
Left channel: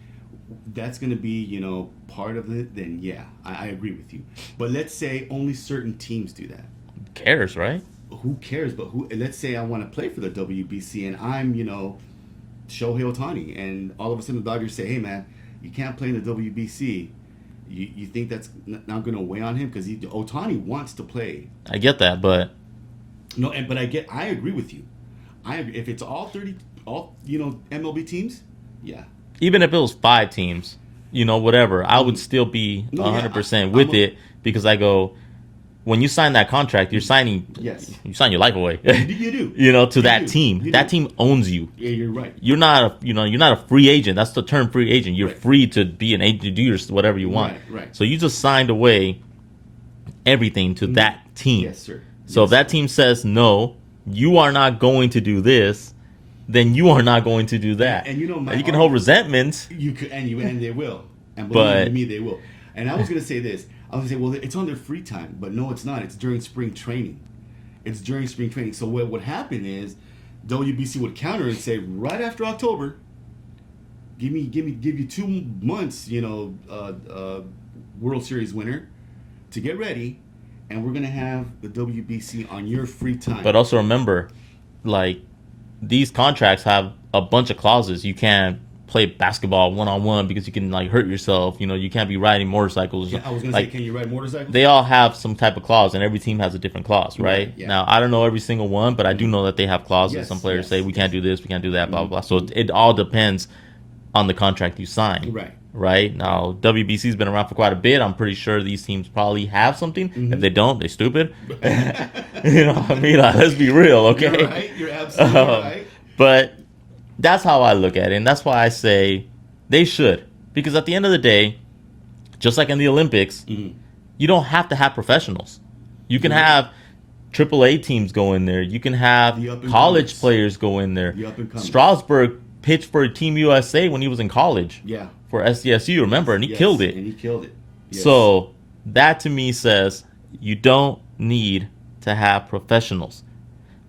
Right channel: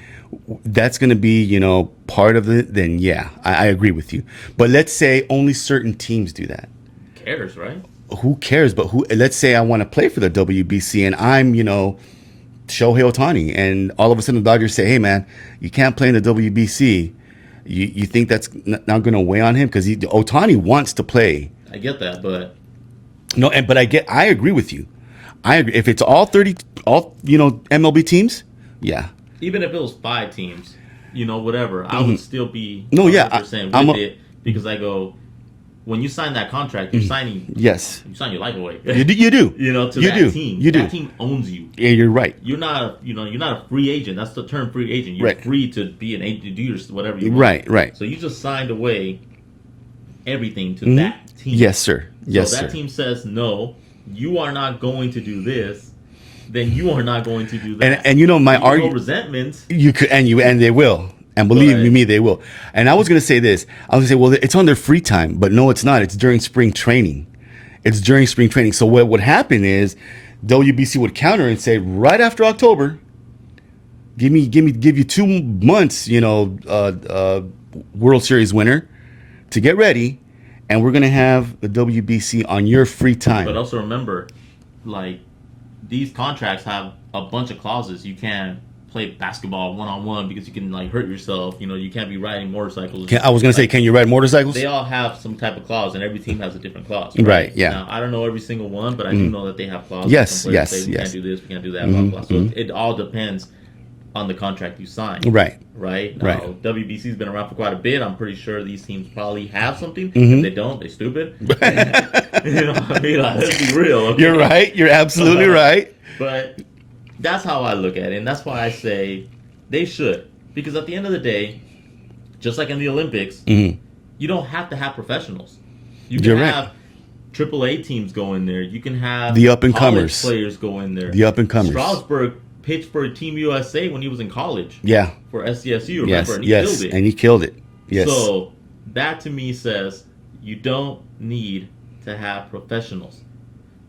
that's going to be, you know, part of it, then yeah, I agree with you. But let's say only certain teams do that. Who cares, right? Who cares? But let's say I want to play for the WBC and I'm, you know, Shohei Ohtani, and all of a sudden the Dodgers say, hey, man, you can't play in the WBC. You think that's not going to weigh on him? Because Ohtani wants to play. I get that, but... No, but I agree with you. I agree. If it's all you know, MLB teams, yeah. Even if it was 5 teams, you know, whatever, I would still be 100% with it, because I go, when you sign that contract, you're signing. Yes. You sign your life away. You do. You know, to You that do. team. You That do. team owns you. Yeah, you're right. You're not a free agent. That's the term, free agent. You're Right. free to be an agent, to do whatever you want. Right. So you just signed away everything to that team. Yes, sir. So if that team says, no, you are not going to do this, then you are not going to do that. And you know, my argument, no resentment. You could, and they will. And believe me, they will. And I was going to say this. I was going to say, well, it's on their free time. But no, it's not. It's during spring training. So what would happen is WBC would counter and say, right after October, give you 2 months, you know, World Series winner to get ready. And we're going to have the WBC on your free time. But also remember, like, these contracts have a bunch of clauses. You can't play basketball one-on-one because you can, like, hurt yourself. You know, you can't be riding motorcycles. I was going to say, can you ride motorcycles? They all have some type of clause, and every team has a different clause, right? Yeah. Now, I don't know every single one, but I do know that they have clauses. Yes, some players say, we can't do this, we can't do that, blah, blah. So it all depends on the contract you sign. Right? Now, WBC's been around for quite a bit. I'm pretty sure these teams probably have something. If they don't, they stupid. You know what I mean? Like, let's be real, okay? You're right. You're absolutely right. But that's how I look at it, and that's why I say they should. Because at the end of the day, just like in the Olympics, you don't have to have professionals. You can have AAA teams go in there. You can have the up-and-comers. college players go in there. The up-and-comers. Strasburg pitched for Team USA when he was in college. Yeah. For SDSU, remember? Yes, And he yes, killed it. and he killed it. Yes. So that to me says you don't need to have professionals,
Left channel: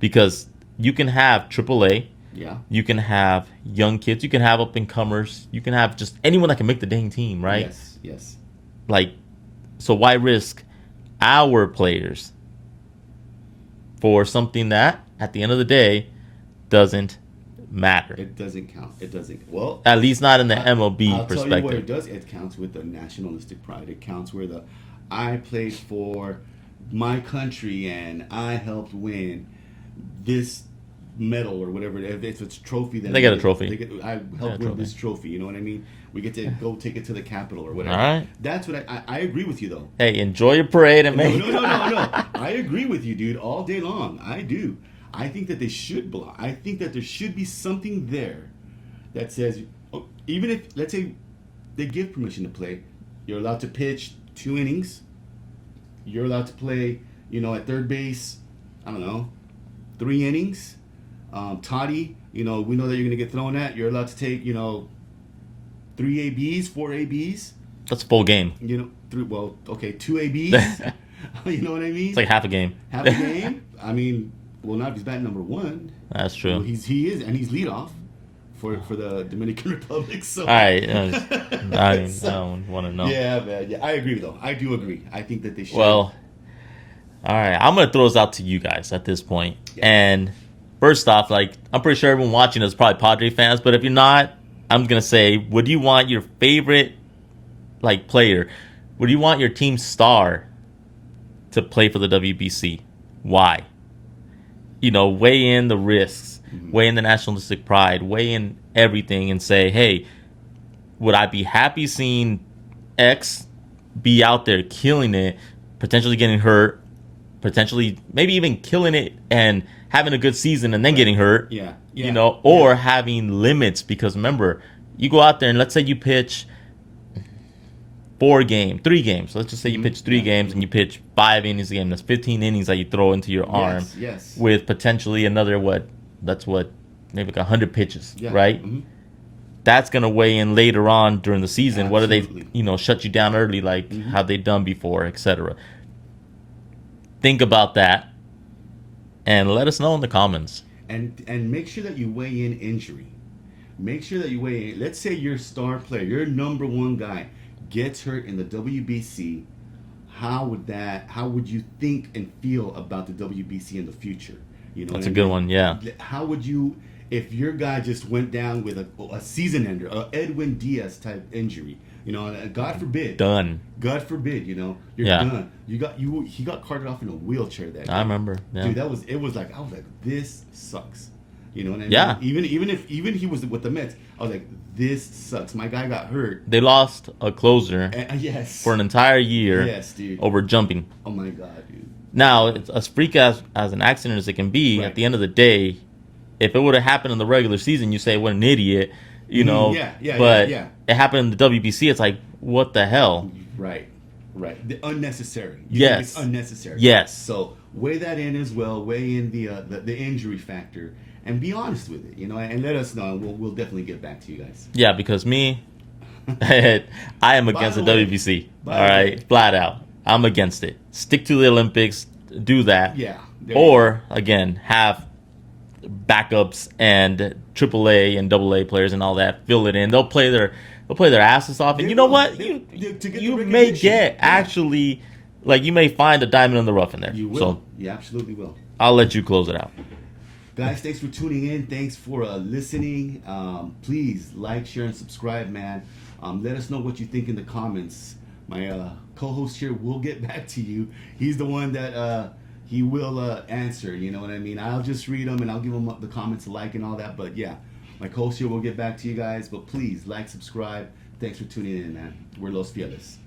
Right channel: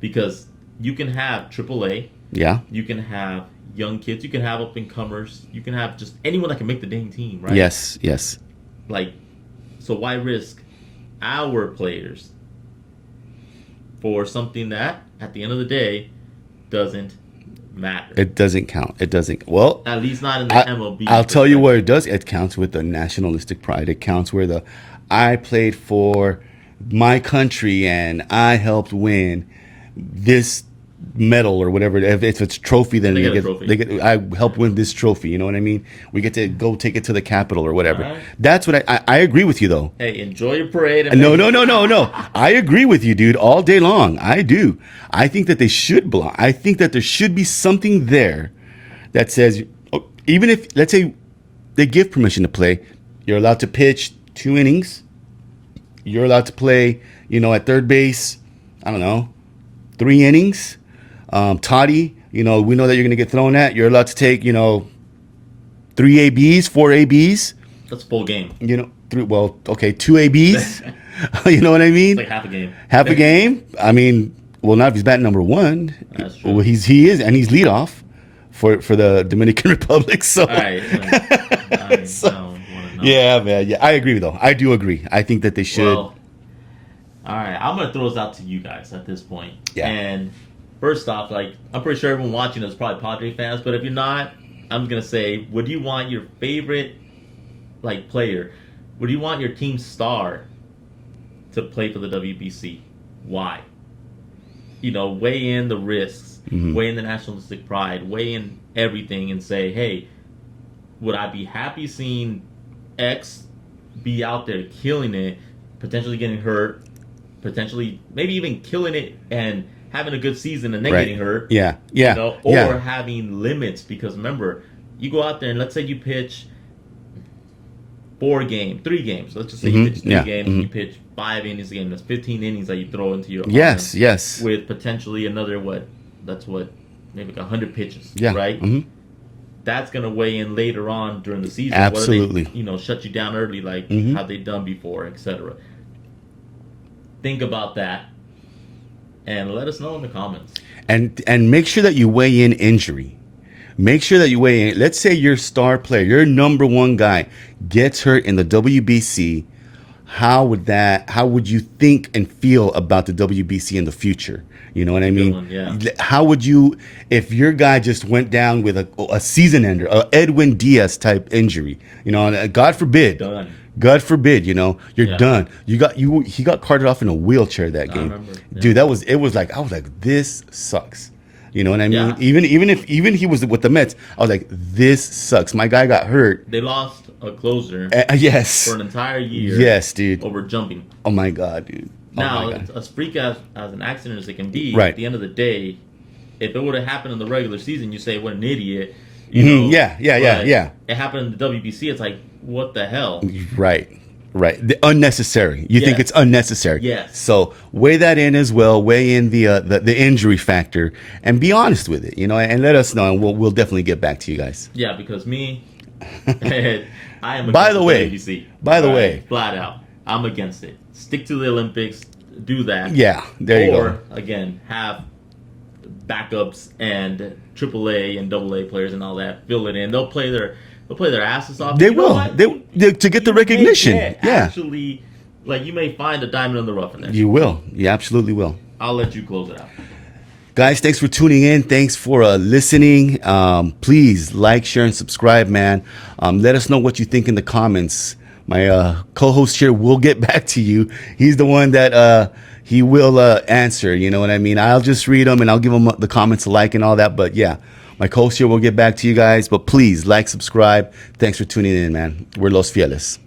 because you can have AAA, yeah. you can have young kids, you can have up and comers, you can have just anyone that can make the dang team, right? Yes, yes. Like, so why risk our players for something that at the end of the day doesn't matter? It doesn't count. It doesn't. Well, At least not in the MLB. I'll tell you where perspective. it does. It counts with the nationalistic pride. It counts where I played for my country and I helped win this medal or whatever. If it's a trophy, then They get a trophy. I helped win this trophy. You know what I mean? We get to go take it to the Capitol or whatever. All right. That's what I agree with you though. Hey, enjoy your parade. And No. I agree with you, dude, all day long. I do. I think that they should block. I think that there should be something there that says, even if, let's say, they give permission to play, you're allowed to pitch 2 innings. You're allowed to play, at third base, I don't know, 3 innings. Toddy, we know that you're going to get thrown at. You're allowed to take, 3 ABs, 4 ABs. That's a full game. 2 ABs. You know what I mean? It's like half a game. Half a game. I mean, well, not if he's batting number 1. That's true. Well, he is, and he's leadoff for the Dominican Republic. So, All right. I don't want to know. yeah, man. Yeah, I agree though. I do agree. I think that they should. Well, all right. I'm gonna throw this out to you guys at this point. Yeah. And first off, like, I'm pretty sure everyone watching is probably Padre fans, but if you're not, I'm gonna say, would you want your favorite player? Would you want your team star to play for the WBC? Why? Weigh in the risks, weigh in the nationalistic pride, weigh in everything, and say, hey, would I be happy seeing X be out there killing it, potentially getting hurt, potentially maybe even killing it and having a good season and then Right. getting hurt? Yeah. Or Yeah. having limits, because remember, you go out there and let's say you pitch 3 games. Let's just say you pitch 3 games and you pitch 5 innings a game. That's 15 innings that you throw into your arm. Yes. With potentially another maybe like 100 pitches, Yeah. right? Mhm. That's gonna weigh in later on during the season. Absolutely. Whether they, shut you down early, like how they done before, etc. Think about that, and let us know in the comments. And make sure that you weigh in injury. Make sure that you weigh in. Let's say your star player, your number 1 guy, gets hurt in the WBC. How would you think and feel about the WBC in the future? You know what I mean? Good one, yeah. How would you, if your guy just went down with a season ender, a Edwin Diaz type injury? And God forbid. Done. God forbid, you're Yeah. done. He got carted off in a wheelchair that game. I remember. Yeah. Dude, I was like, this sucks. You know what I mean? Yeah. Even he was with the Mets, I was like, this sucks. My guy got hurt. They lost a closer Yes. for an entire year. Yes, dude. Over jumping. Oh my God, dude. Now, my God. as freak as an accident as it can be, Right. at the end of the day, if it would have happened in the regular season, you say, what an idiot. Yeah. It It happened in the WBC. It's like, what the hell? Right. Unnecessary. You think Yes. it's unnecessary? Yes. So weigh that in as well. Weigh in the injury factor and be honest with it. And let us know, and we'll definitely get back to you guys. Yeah, because me, I am against By the way- WBC. by the All way- right? Flat out, I'm against it. Stick to the Olympics. Do that. Yeah. There you Or go. again, have backups and AAA and AA players and all that. Fill it in. They'll play their asses off. They You know will. what? They to get the You may recognition. get, Yeah. Actually, you may find a diamond in the rough in there. You will. So, You absolutely will. I'll let you close it out. Guys, thanks for tuning in. Thanks for listening. Please like, share, and subscribe, man. Let us know what you think in the comments. My co-host here will get back to you. He's the one that he will answer. You know what I mean? I'll just read them and I'll give him the comments a like and all that. But yeah, my co-host here will get back to you guys. But please like, subscribe. Thanks for tuning in, man. We're Los Fieles.